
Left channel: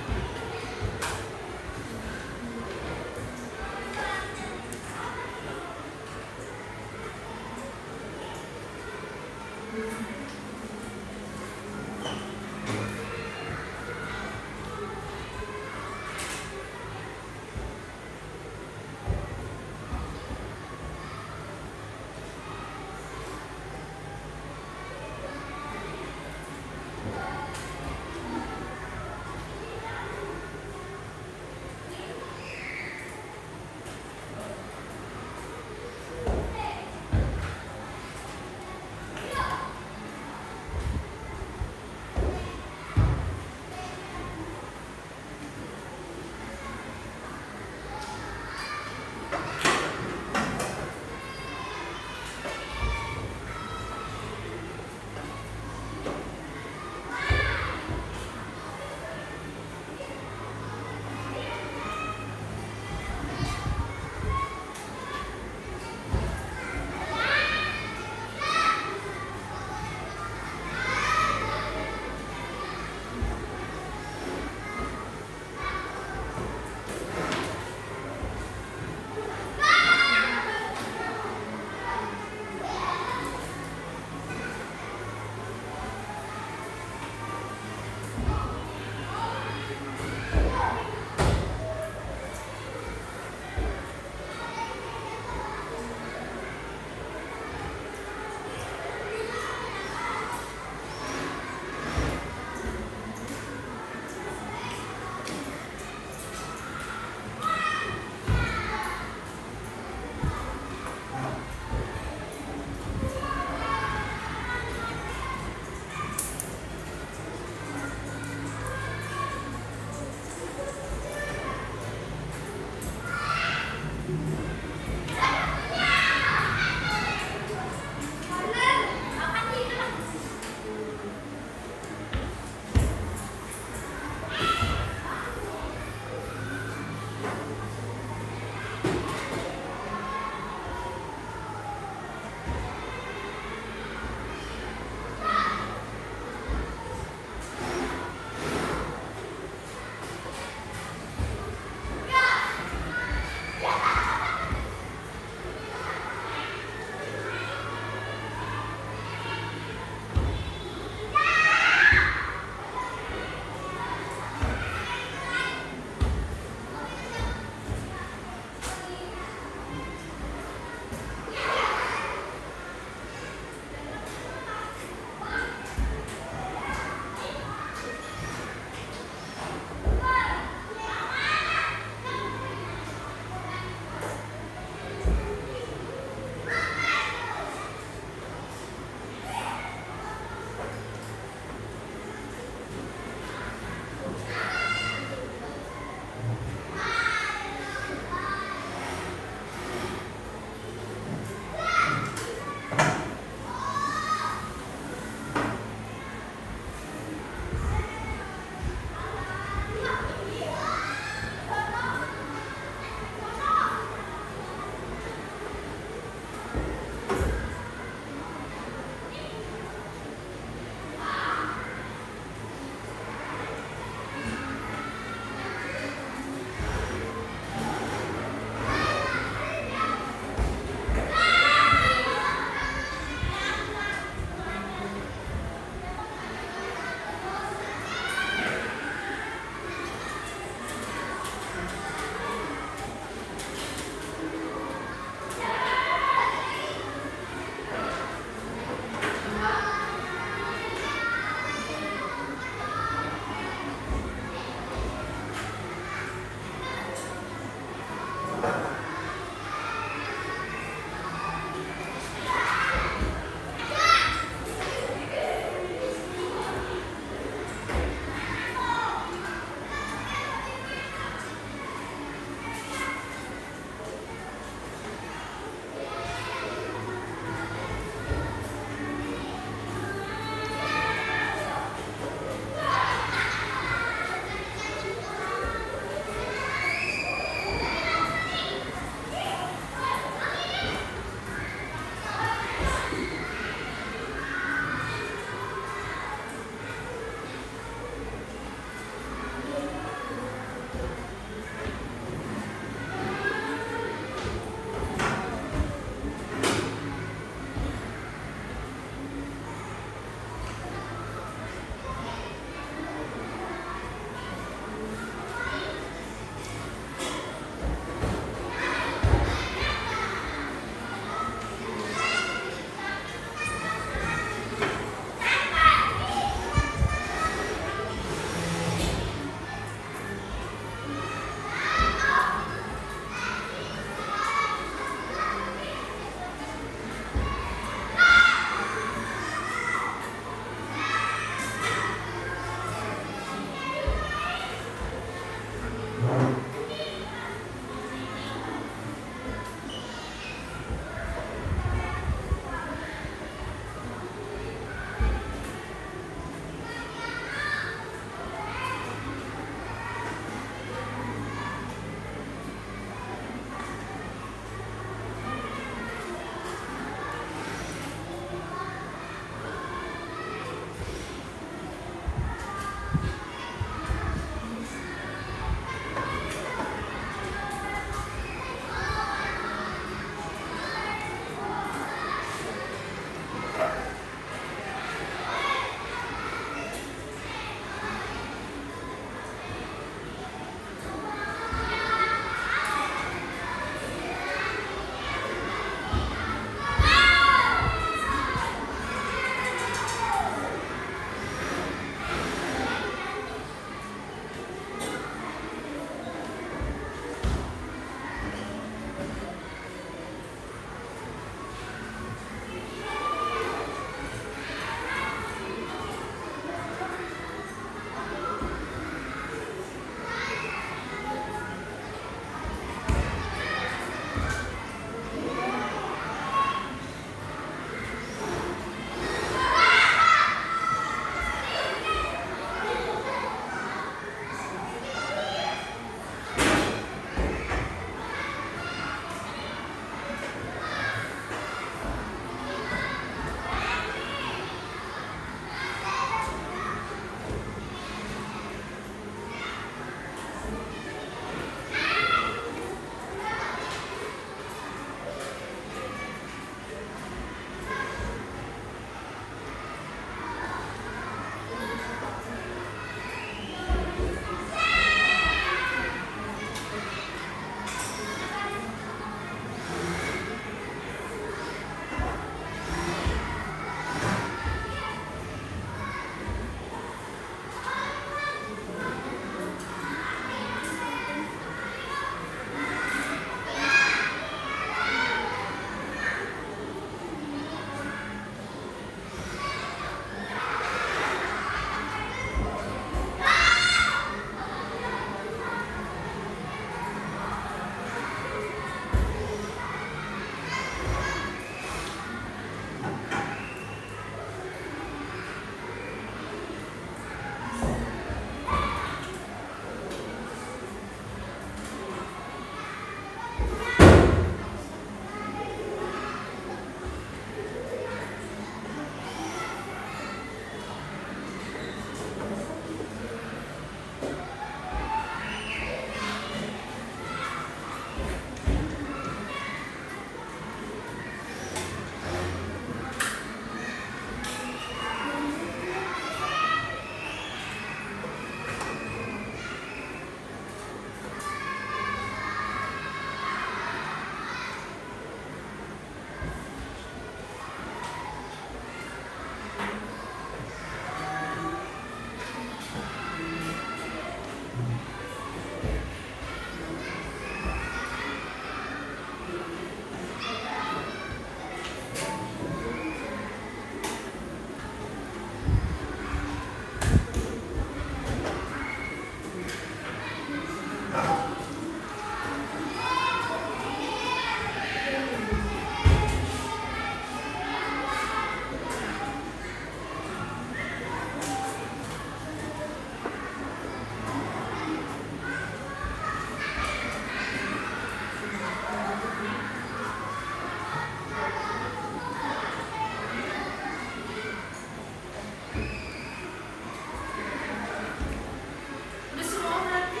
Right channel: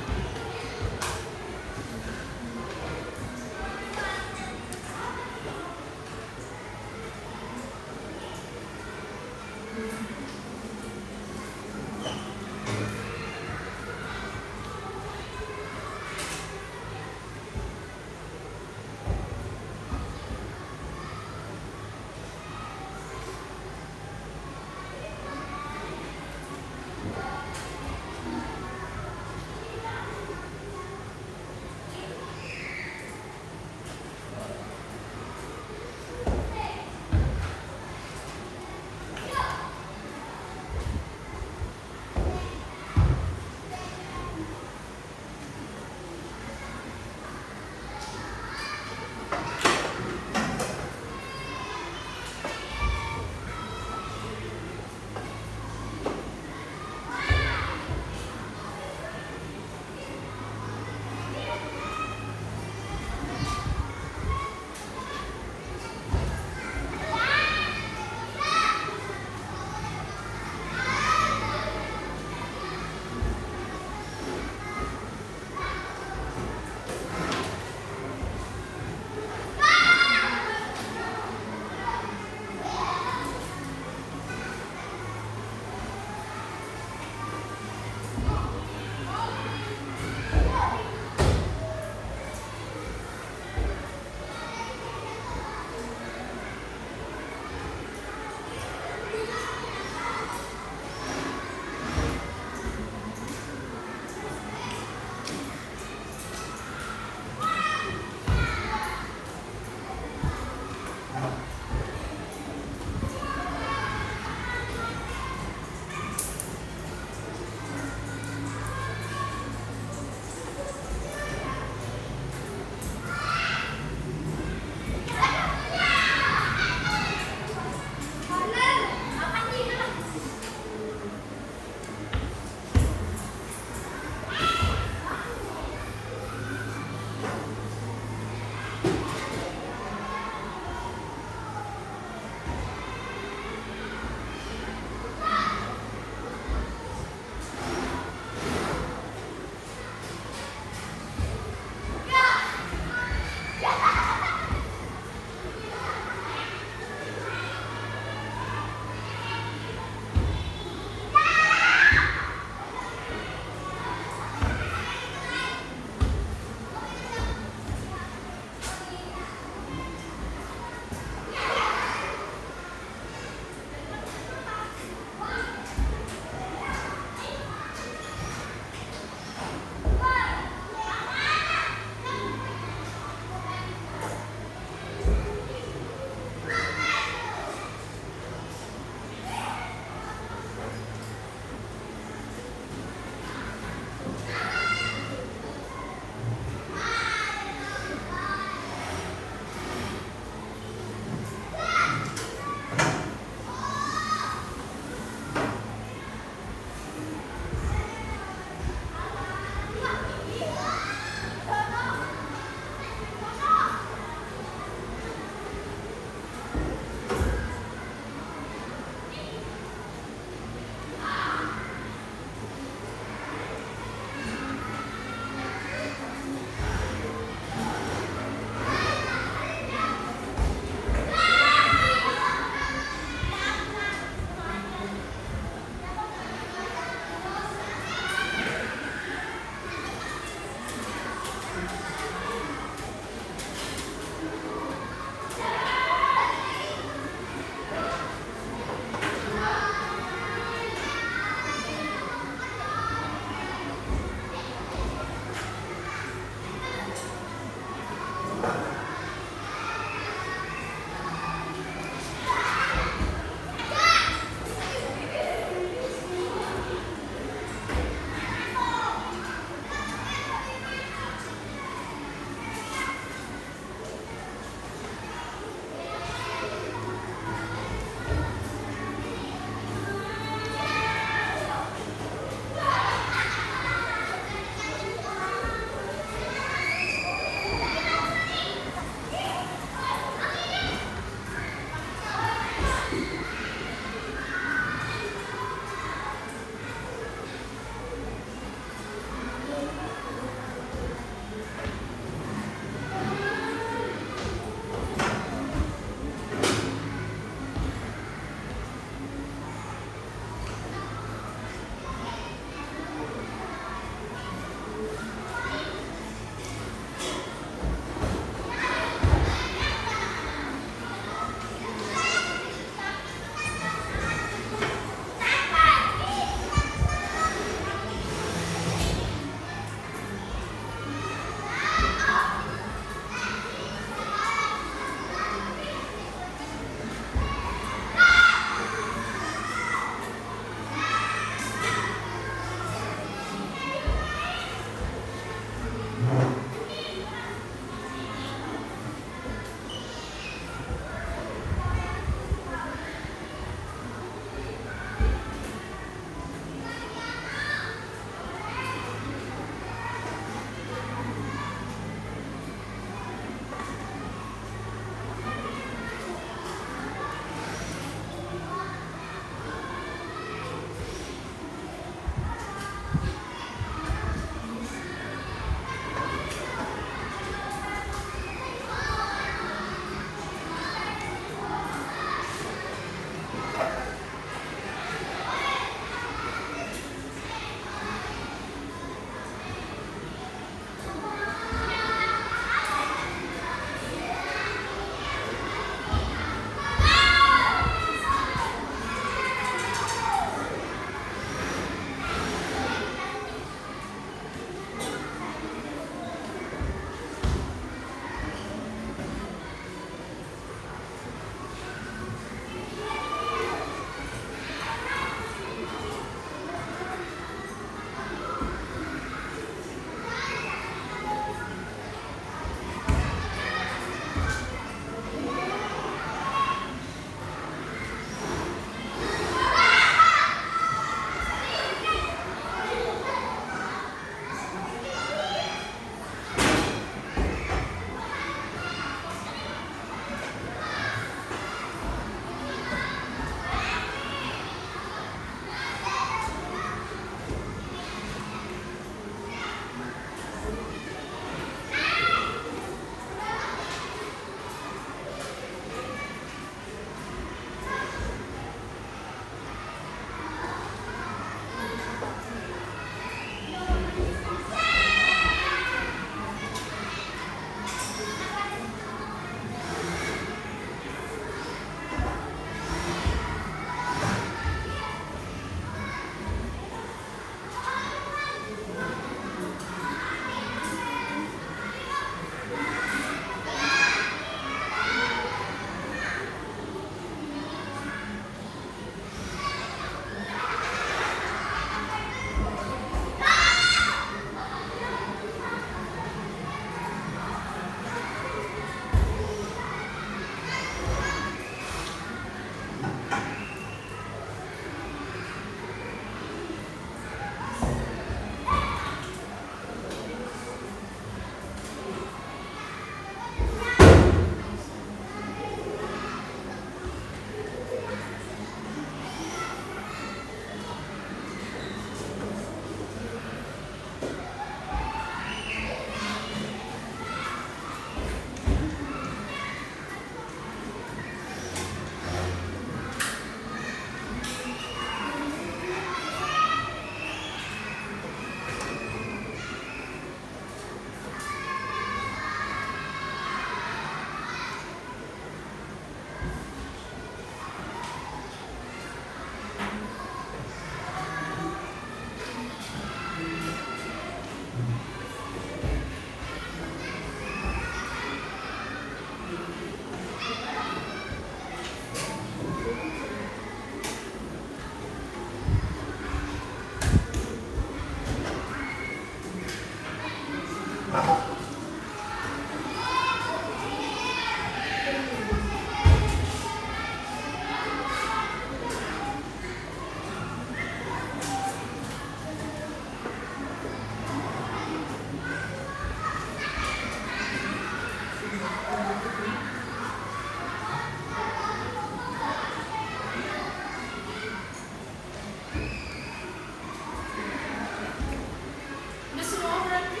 Udah semua berarti?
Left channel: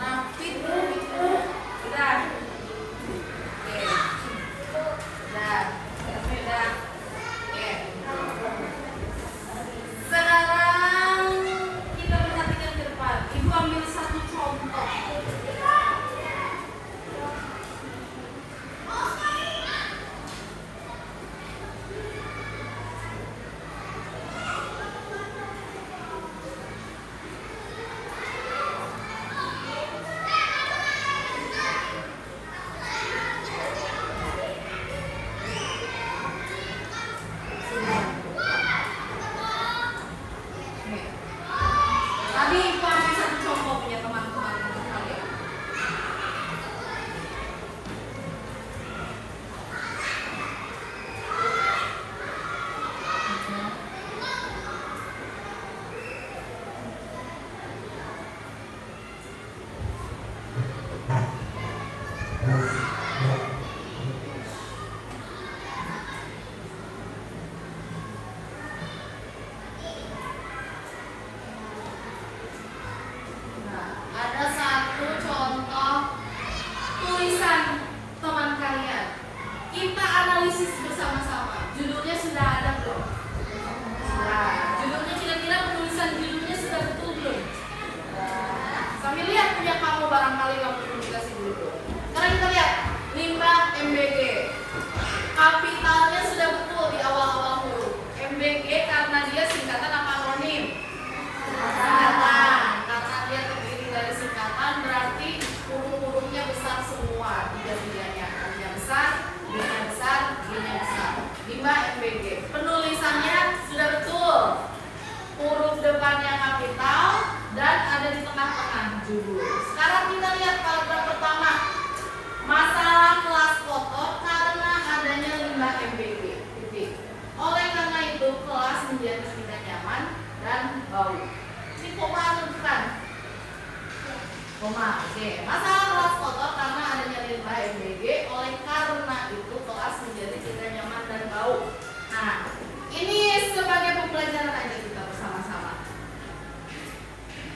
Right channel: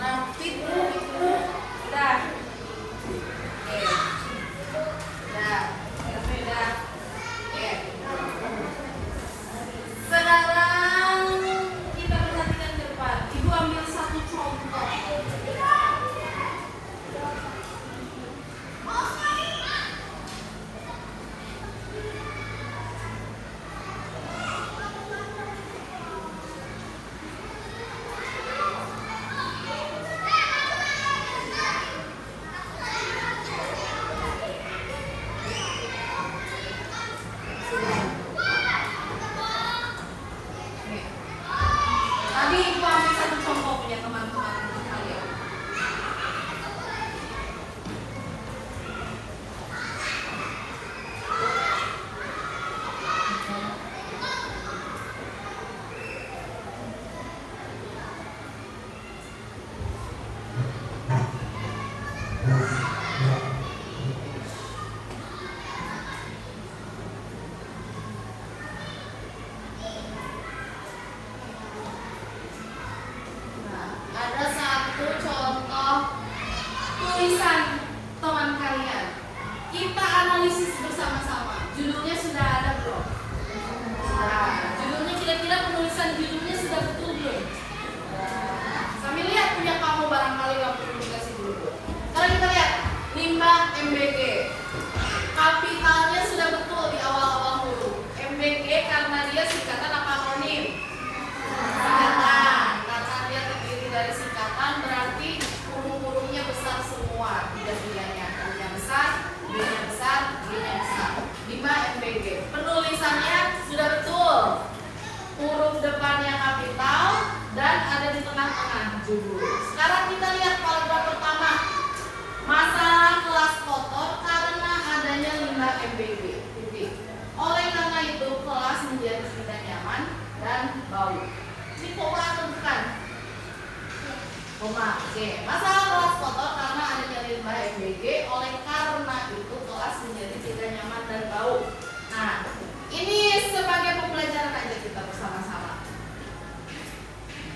Rapid itu udah. Oke. Udah. Udah. Oke. Sekarang kita perhatikan ke depan. Ibu ambil satu contoh. Tadi ibu ambil satu contoh punya teman-teman kalian. Nah, ada satu contoh tulisan teman kalian. Kita analisis bersama-sama. Judulnya sudah ada belum? Sudah. Judulnya kira-kira penulisan judulnya sudah betul belum? Kami lihat punya kamu barangkali waktu publikasi dulu. Sekarang kita lihat limbah MBG. Kapitalnya sudah betul di awal-awal huruf. MBG karena dia singkatan apa anonim? Singkatan. Karena dia terdiri dari singkatan berarti huruf-hurufnya besar semua. Tiga-tiganya. Hurufnya besar, G-nya besar, G-nya besar. Limbah MBG. Penulisannya sudah betul. Huruf depannya kapital dan ada di tengah-tengah judul. Sekarang kita lihat paragraf pertama. Masalah kelas kotor karena adanya limbah MBG. Titik. Oleh karena itu kelas menjadi tidak nyaman dan bau. Ini koma atau bukan? Koma. Oke. Masalah kelas kotor karena adanya limbah MBG. Oleh karena itu kelas menjadi tidak nyaman dan bau. Nah, ini sebagai pembelajaran aja kita bersama-sama.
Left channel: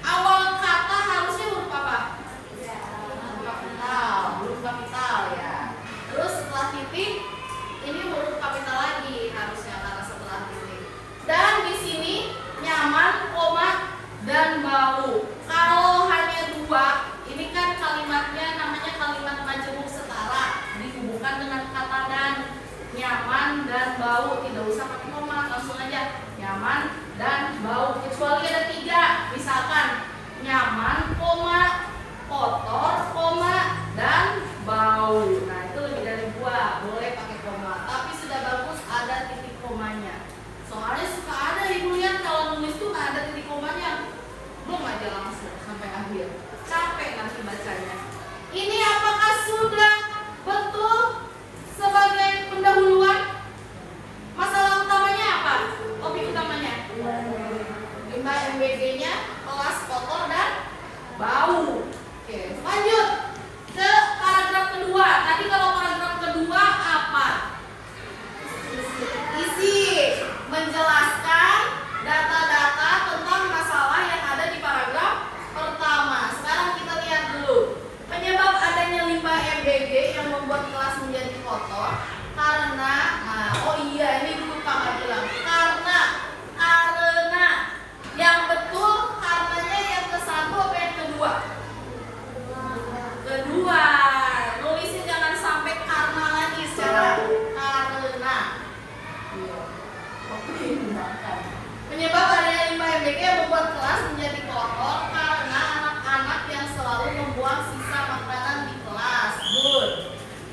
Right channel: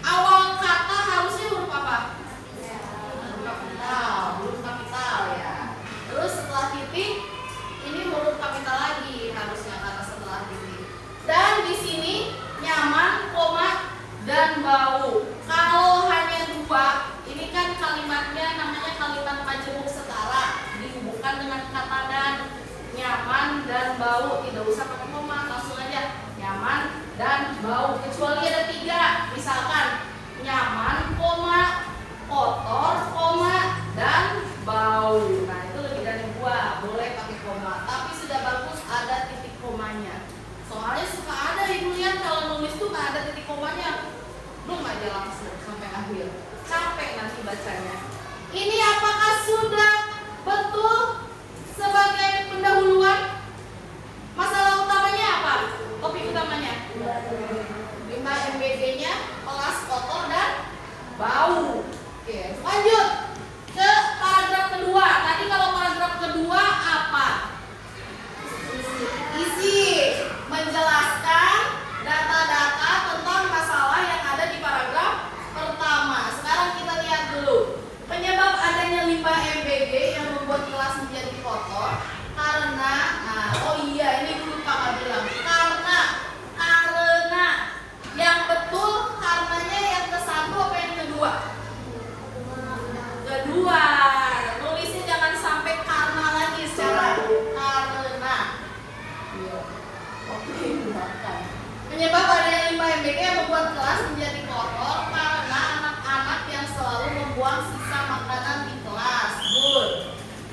Awal kata harusnya huruf apa? Huruf kapital ya. Terus setelah titik ini huruf kapital lagi harusnya kata setelah titik. Dan di sini nyaman, koma dan bau. Kalau hanya dua, ini kan kalimatnya namanya kalimat majemuk setara, dihubungkan dengan kata dan. Nyaman dan bau, tidak usah pakai koma, langsung aja nyaman dan bau. Kecuali ada tiga, misalkan nyaman, koma, kotor, koma dan bau. Nah itu lebih dari dua, boleh pakai koma. Tapi sudah bagus ada titik komanya. Soalnya suka ada ibu lihat kalau nulis tuh nggak ada titik komanya, belum aja langsung sampai akhir. Capek nanti bacanya. Ini apakah sudah betul sebagai pendahuluan? Masalah utamanya apa? Topik utamanya limbah MBG-nya, kelas kotor dan bau. Oke, lanjut ke paragraf kedua. Tadi kalau paragraf kedua apa? Isi menjelaskan data-data tentang masalah yang ada di paragraf pertama. Sekarang kita lihat dulu. Penyebab adanya limbah MBG yang membuat kelas menjadi kotor karena, oh iya ini dulu Kak bilang karena yang betul karenanya yang ke satu apa yang kedua? Kedua. Nulisnya jangan sampai karena lagi secara karena. Iya. Oke, dimakan. Penyebab adanya limbah MBG yang membuat kelas menjadi kotor karena anak-anak yang selalu membuang sisa makanan di kelas. Good.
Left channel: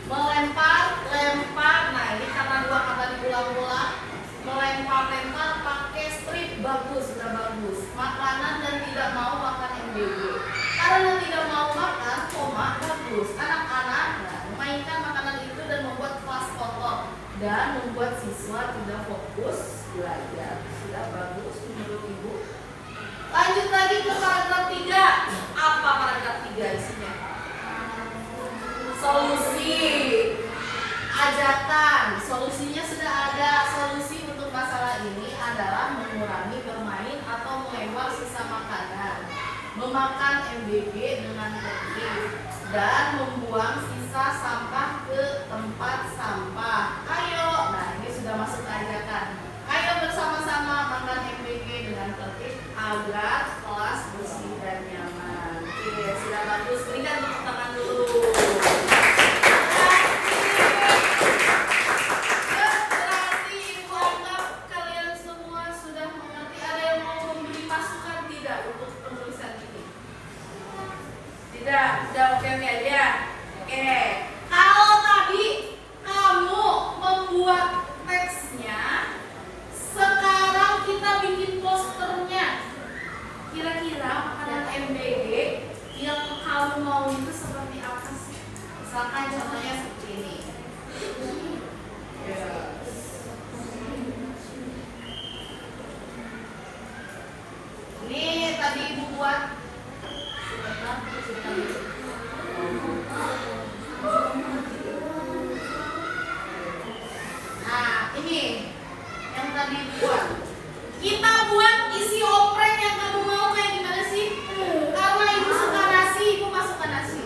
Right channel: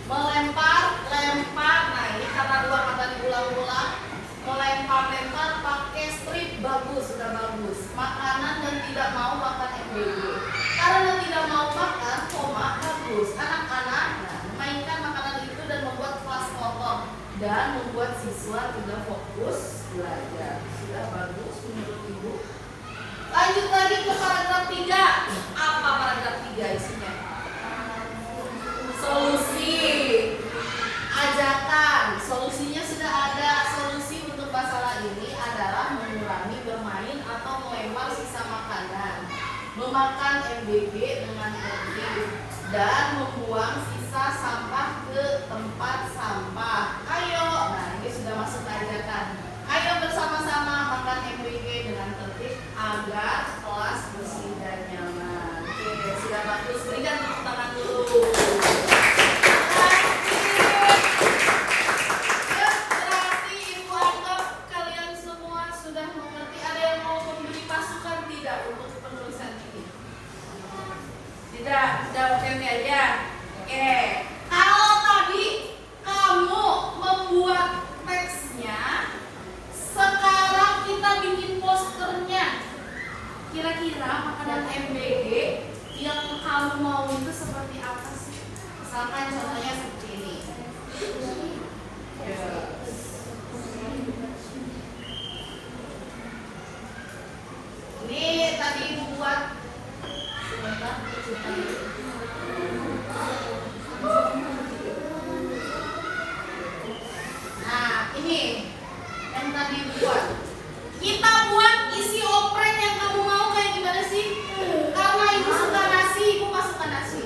Melempar, lempar. Nah ini karena dua kata diulang-ulang. Melempar-lempar pakai strip, bagus, sudah bagus. Makanan dan tidak mau makan MBG. Karena tidak mau makan, koma, bagus. Anak-anak memainkan makanan itu dan membuat kelas kotor dan membuat siswa tidak fokus belajar. Sudah bagus menurut ibu. Lanjut lagi ke paragraf 3. Apa paragraf 3 isinya? ajakan. Solusinya sudah ada. Solusi untuk masalah ini adalah mengurangi bermain atau melempar sisa makanan, memakan MBG dengan tertib, dan membuang sisa sampah ke tempat sampah. Ayo, nah ini sudah masuk ke ajakan. Ayo bersama-sama makan MBG dengan tertib agar kelas bersih dan nyaman. Oke, sudah bagus. Berikan tepuk tangan dulu. Berarti ibu anggap kalian semua sudah mengerti. Ada yang mau memberi masukan tidak untuk penulisan ini? Tidak, sudah oke aja. Oke, kalau tadi kamu membuat teksnya, sekarang kita bikin posternya. Kira-kira makanan MBG yang kamu mau itu seperti apa sih? Misalkan contohnya seperti ini. Ini tadi ibu buat. Sebentar, nah, ini yang tadi buat. Kita buat isi oprek yang kamu mau kayak gimana sih? Karena ibu suka nasi, ibu masukkan nasi.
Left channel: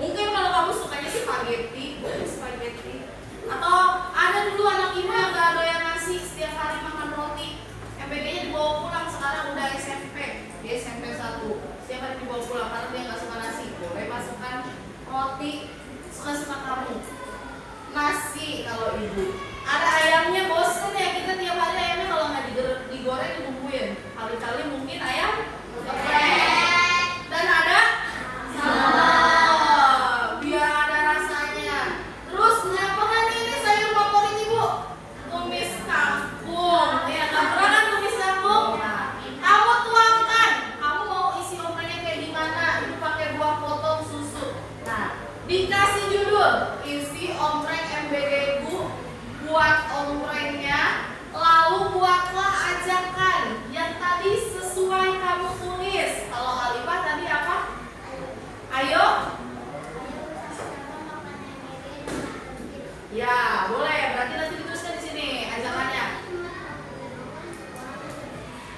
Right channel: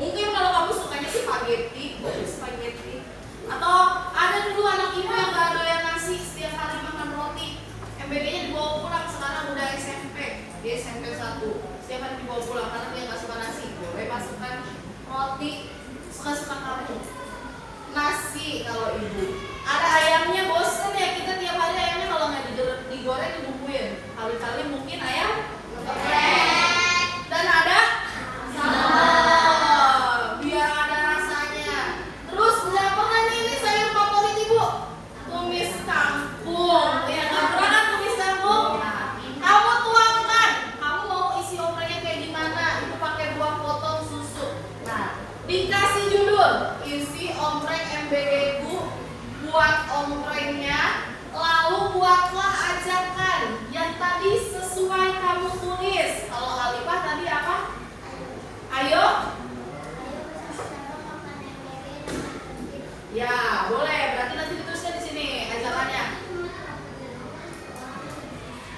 Mungkin kalau kamu sukanya spaghetti, spaghetti. Atau ada dulu anak ibu yang gak doyan nasi, setiap hari makan roti. MBG-nya dibawa pulang, sekarang udah SMP. Dia SMP 1. Setiap hari dibawa pulang karena dia gak suka nasi. Boleh masukkan roti, suka-suka kamu. Nasi kalau ibu. Ada ayamnya, bosen ya kita tiap hari ayamnya kalau nggak digoreng dibumbuin. Kali-kali mungkin ayam geprek. Dan ada sambal biar ada rasanya. Terus apa kan ini sayur favorit ibu? Tumis kangkung. Ya nggak pernah kan tumis kangkung? Nah, kamu tuangkan. Kamu mau isi opreknya kayak gimana? Ibu pakai buah potong susu. Nah, dikasih judul isi oprek MBG ibu. Buat ompreknya, lalu buatlah ajakan yang tadi sesuai kamu tulis. Kalau Alifah tadi apa? Ayo. Ya, boleh. Berarti nanti dituliskan di sini ajakannya.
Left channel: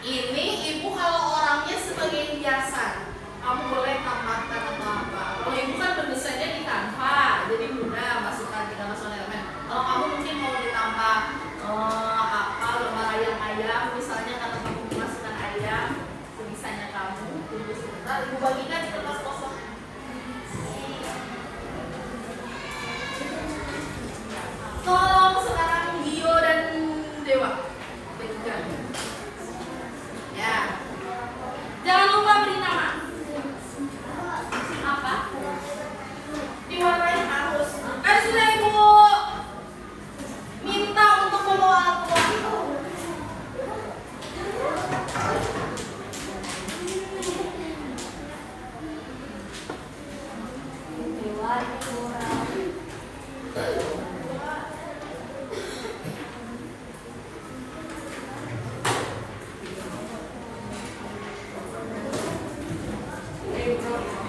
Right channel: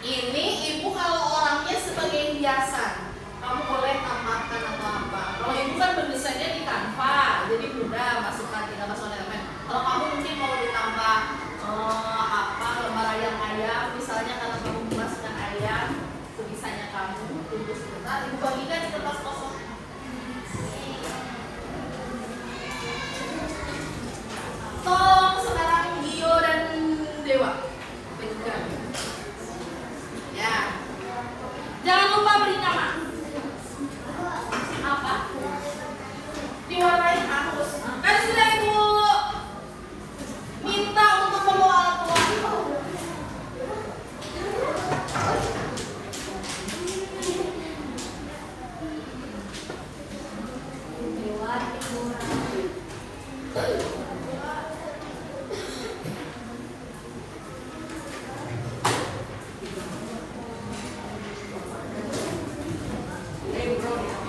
Ini ibu kalau orangnya sebagai hiasan, kamu boleh tambahkan atau apa. Kalau ibu kan berdesainnya di Canva, jadi mudah masukkan, tinggal masukkan elemen. Kalau kamu mungkin mau ditambah apa lembar ayam, misalnya karena kamu memasukkan ayam, sebisanya kamu. Tunggu sebentar, ibu bagikan di kertas kosong. Tolong sekarang Gio dan Dewa bagikan. Ya, jangan lupa beri nama. Apa? Diwarnai harus. Kan sudah ibu minta untuk membawa alat pelukis.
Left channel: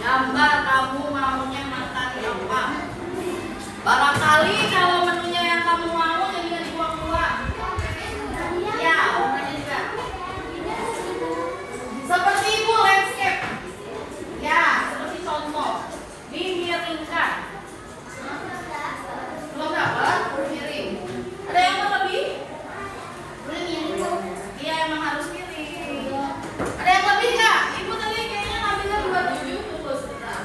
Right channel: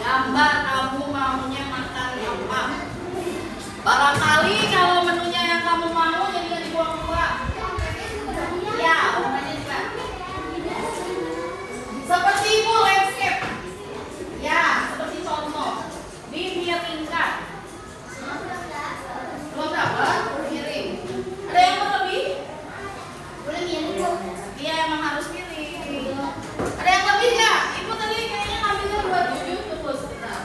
Gambar kamu maunya makan apa? Barangkali kalau menunya yang kamu mau jadikan dibuang-buang. Ya, warnanya juga. Seperti ibu landscape. Ya, seperti contoh. Dimiringkan. Belum dapat? Miring. Ada yang mau lebih? Boleh miring dong. Iya, emang harus miring. Ada yang lebih nggak? Ibu tadi kayaknya ngambilnya 27. Tunggu sebentar.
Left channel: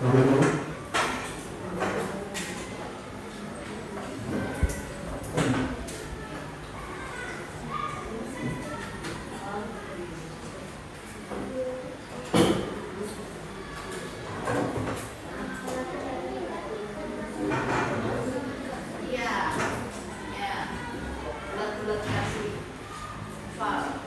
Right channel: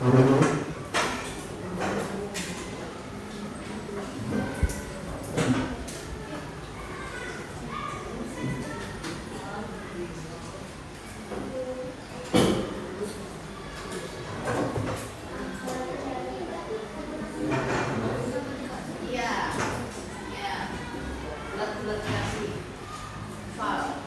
Iya, ya, bulat-bulat kasih file.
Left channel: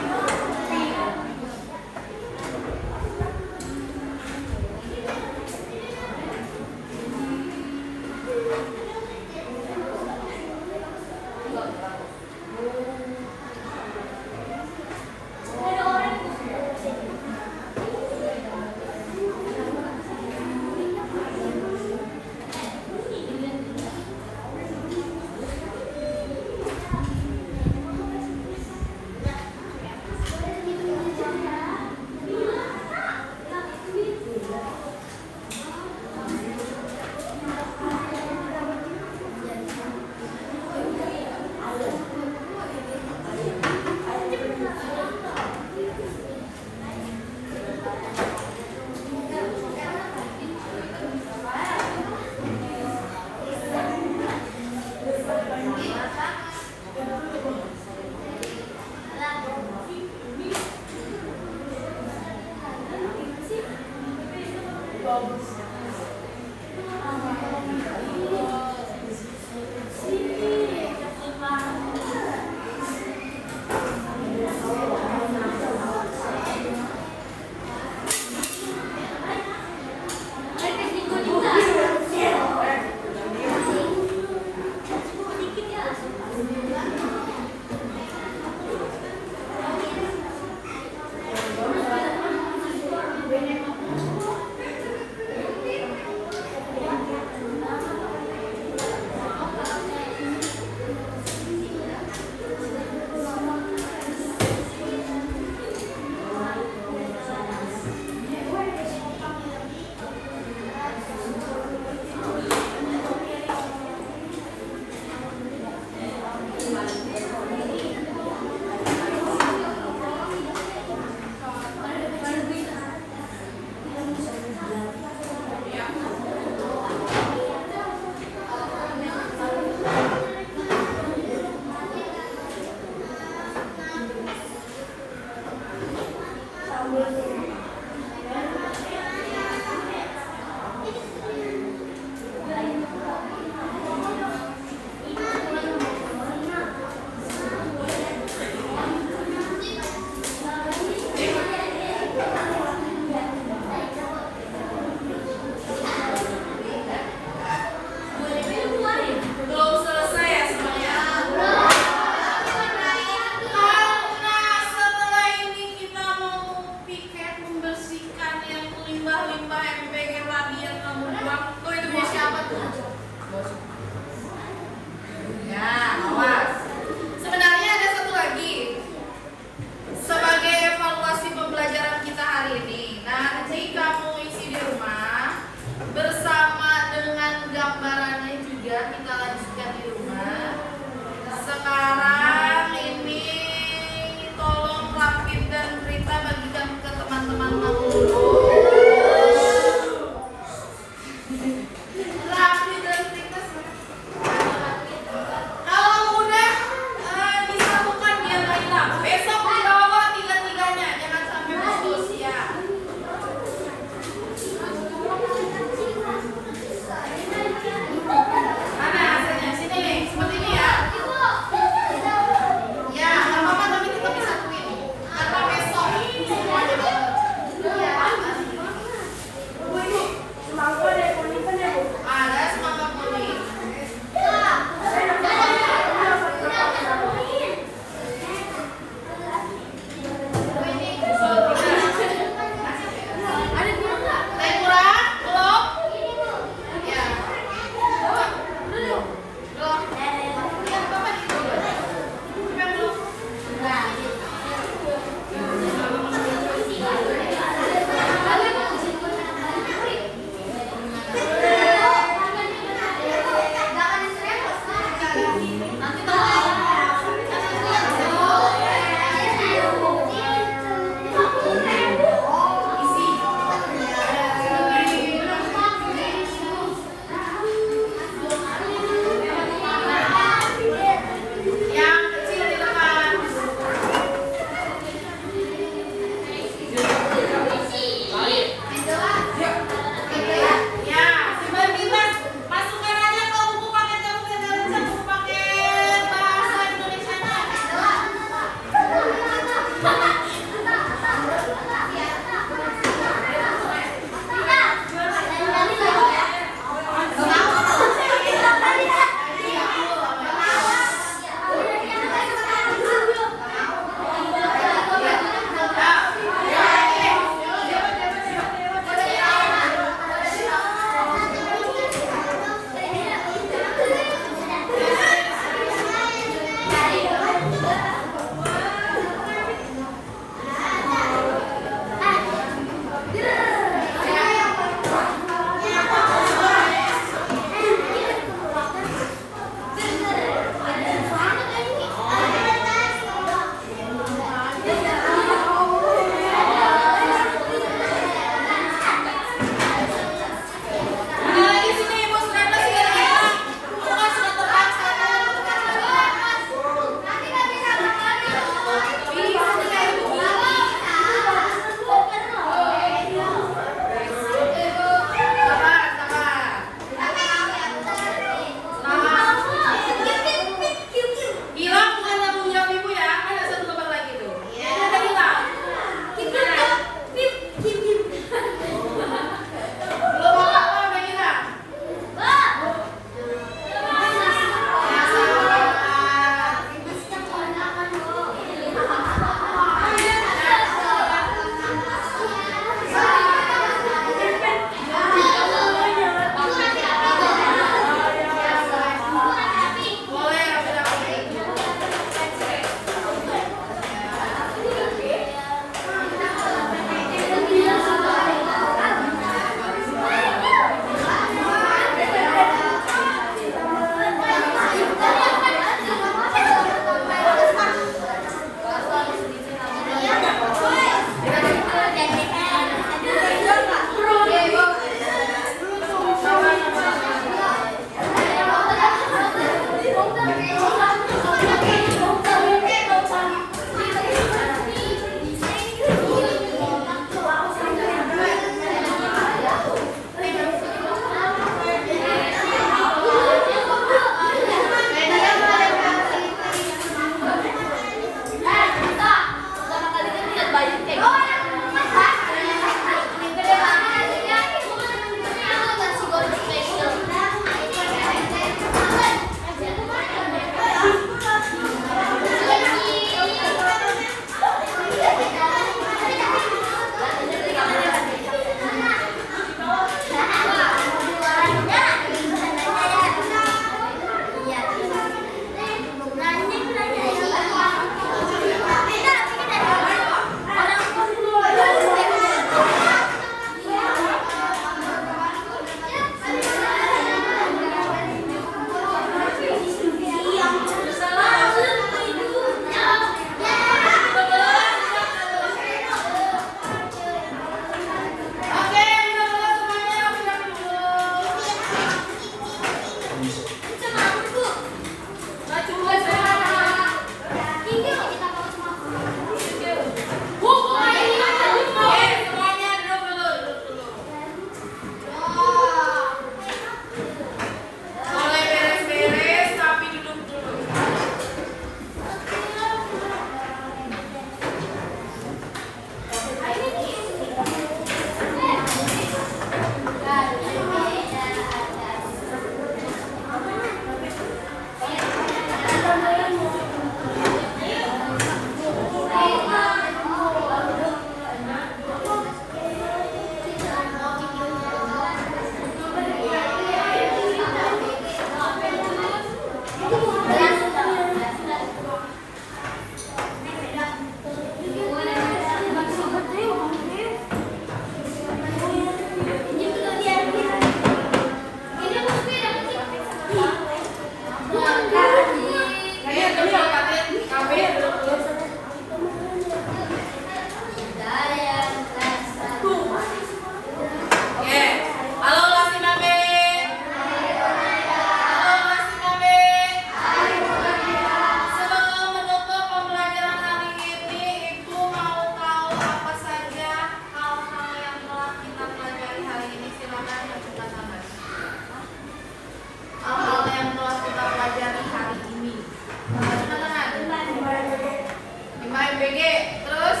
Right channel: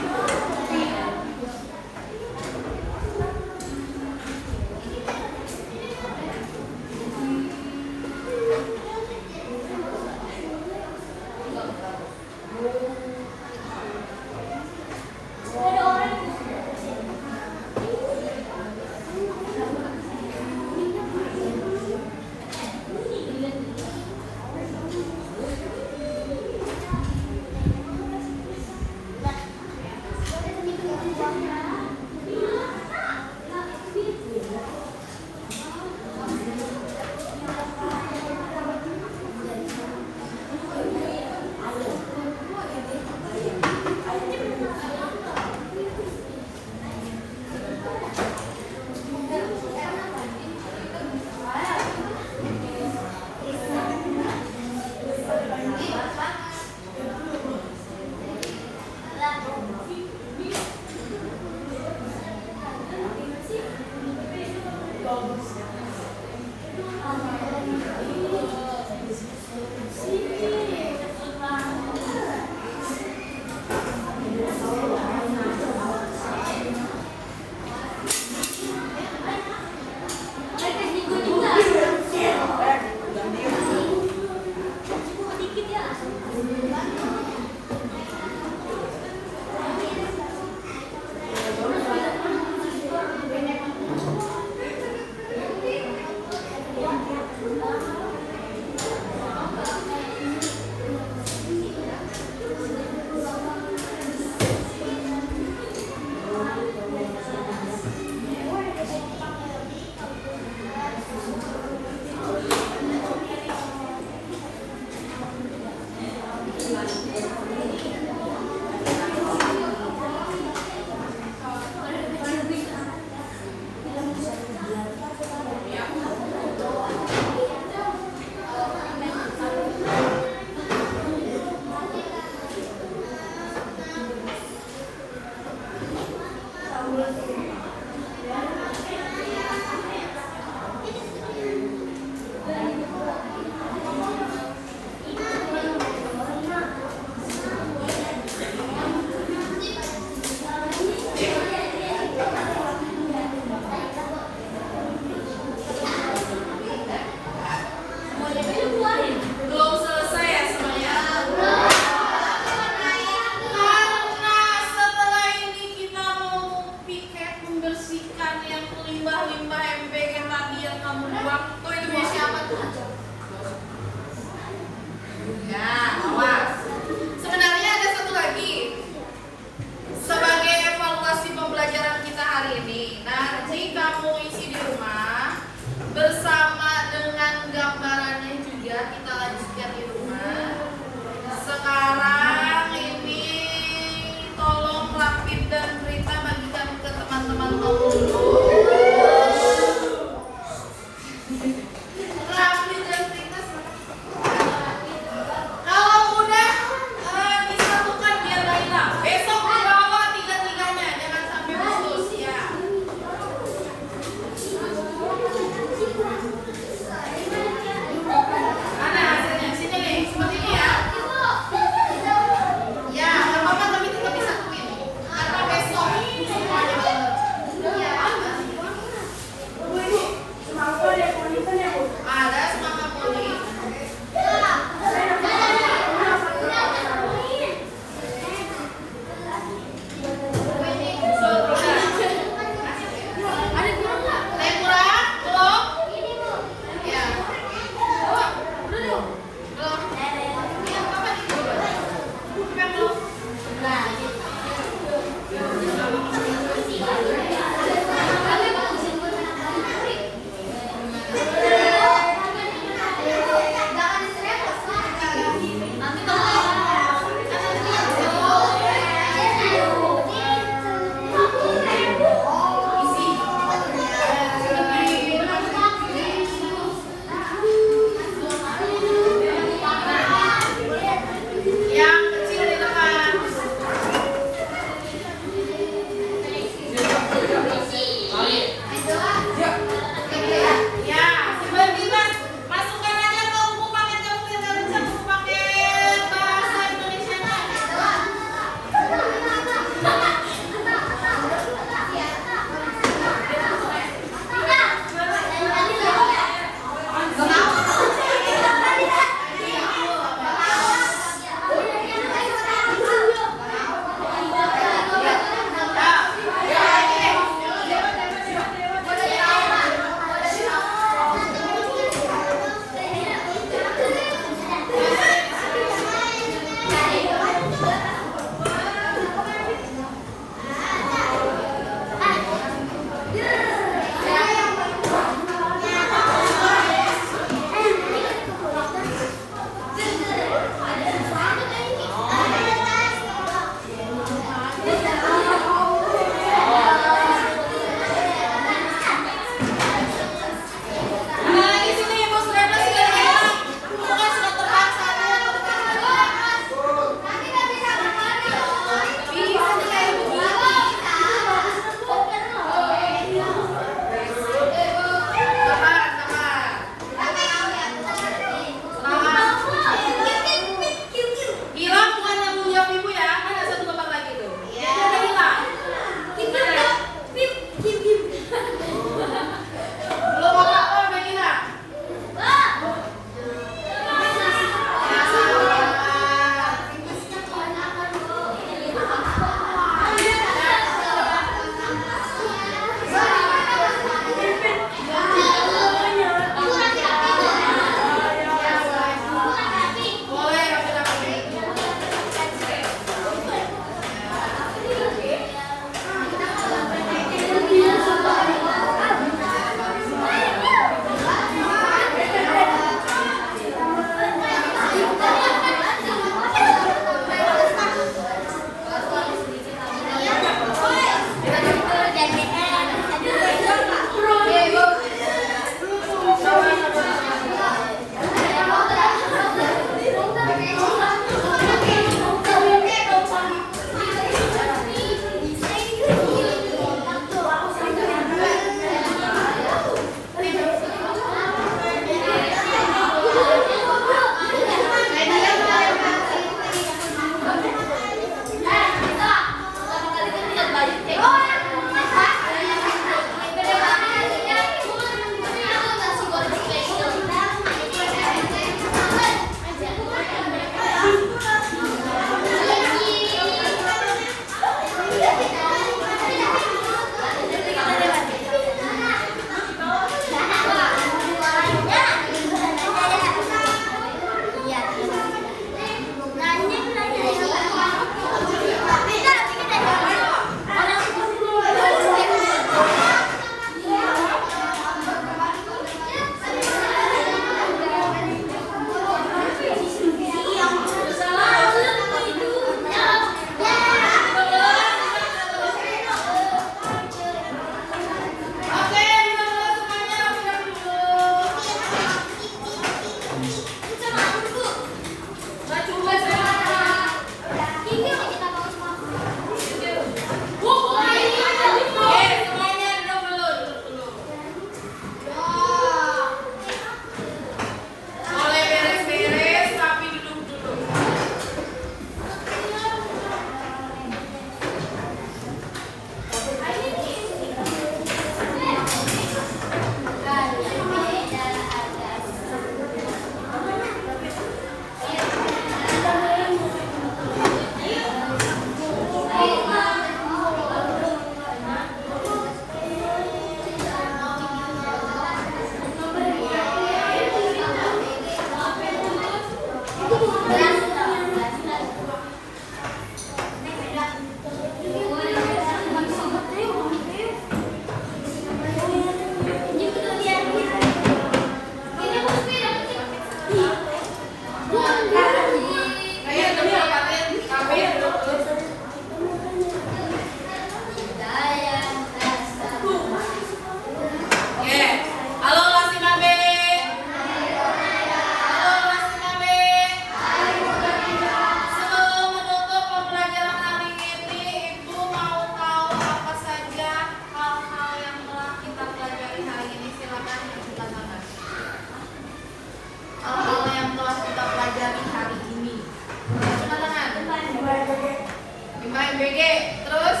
PMBG. Terus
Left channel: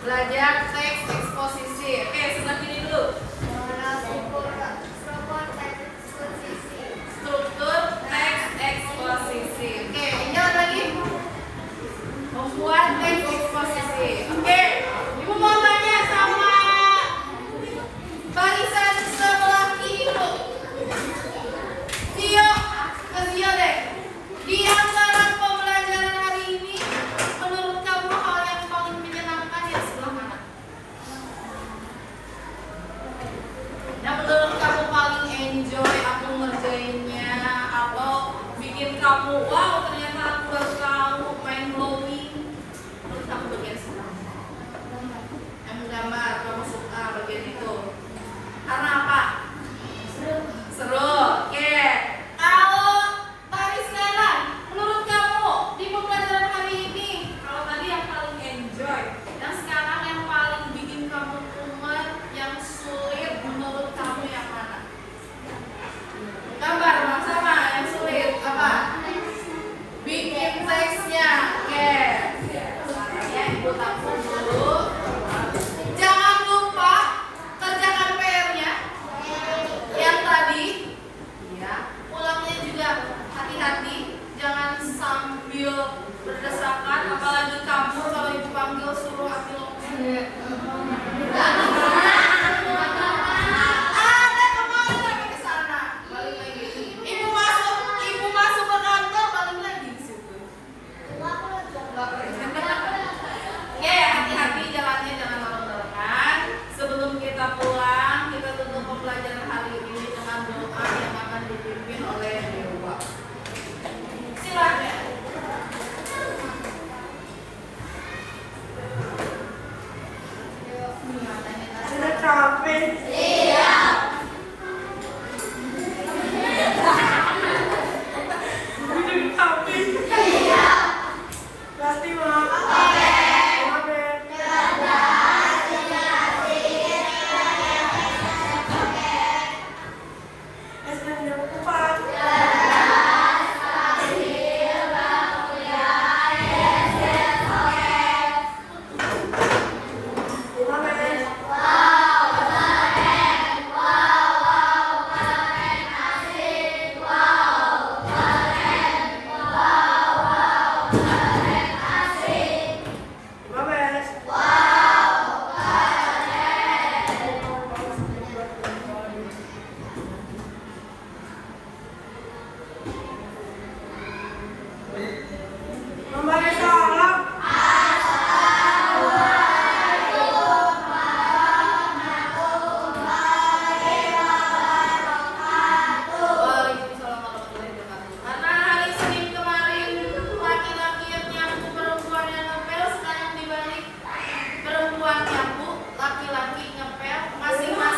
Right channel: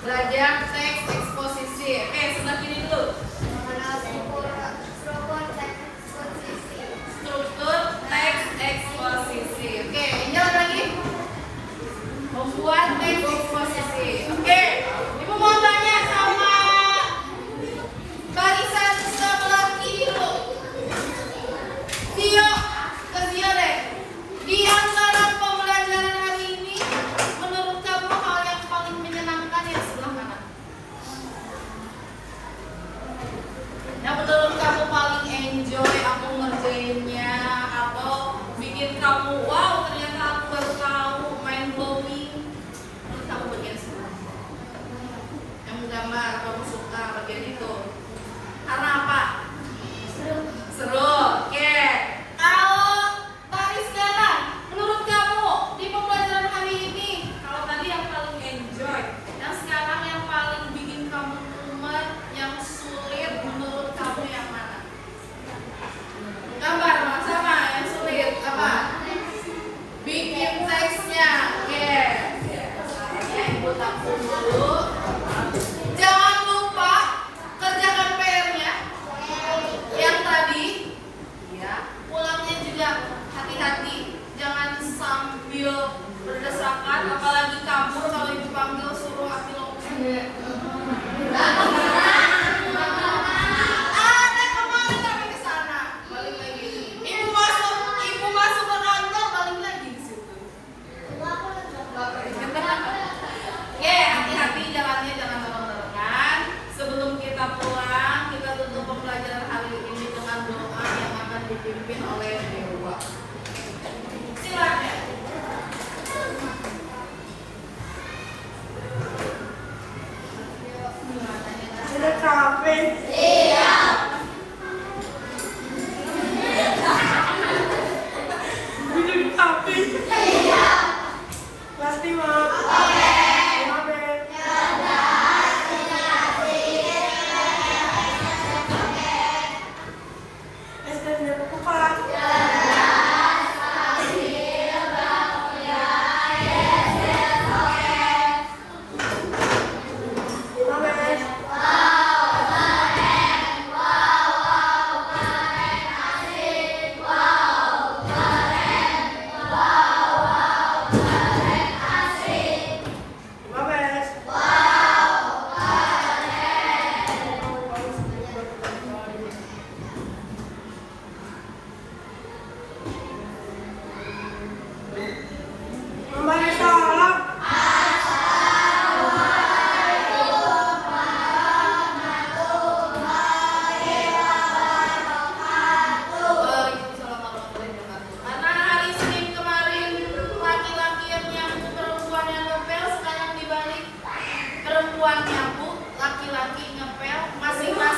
belajar teks eksposisi. Oke, sebelah kiri dulu. Struktur teks eksposisi. Oke, ini lagi. Membuat teks eksposisi. Oke, ibu mau tanya sama barisan sebelah kiri dulu. Tio, ke Tio deh. Di antara pembelajaran hari ini, menurut kamu hal yang paling menyenangkan yang sebelah mana? Yang menurut kamu paling enjoy aku ngerjainnya atau bikin kamu wow ternyata aku baru tahu mind blowing. Menurut kamu bagian sebelah? Yang menggambar kamu suka bagian itu. Karena apa? Seru. Oke. Kalau tadi sekarang, menurut kamu di pembelajaran kali ini, kalau tadi yang paling enjoy, yang sekarang yang paling bikin kamu umar, yang sulit, menurut kamu yang mana? Gambar sama yang sulit apa? Bikin teksnya. Oke. Ya, ibu tampung dulu. Jangan lupa kerjakan PR-nya yang tadi. Ya, pulangnya juga hati-hati, jangan sambil berdesakan, apalagi kabur kalau dipanggil suruh ambil ada kemarin lagi di sana, balik lagi. Ibu masuk ke kantor, balik lagi di situ. Oke, hati-hati jalannya, jangan bareng-barengan. Sebelum kita pulang, kita tutup pembelajaran hari ini dengan doa yang akan dipimpin oleh Dewa. Silakan. Sudah capek. Iya. Udah capek. Iya. Kelas 5. Oke. Oke. SD jam 4. Memberi salam. Waalaikumsalam warahmatullahi wabarakatuh. Karena hari Senin kemarin laki-laki yang nyapu, perempuan yang ngepel, sekarang dibalik perempuan nyapu, laki-laki ngepel, masing-masing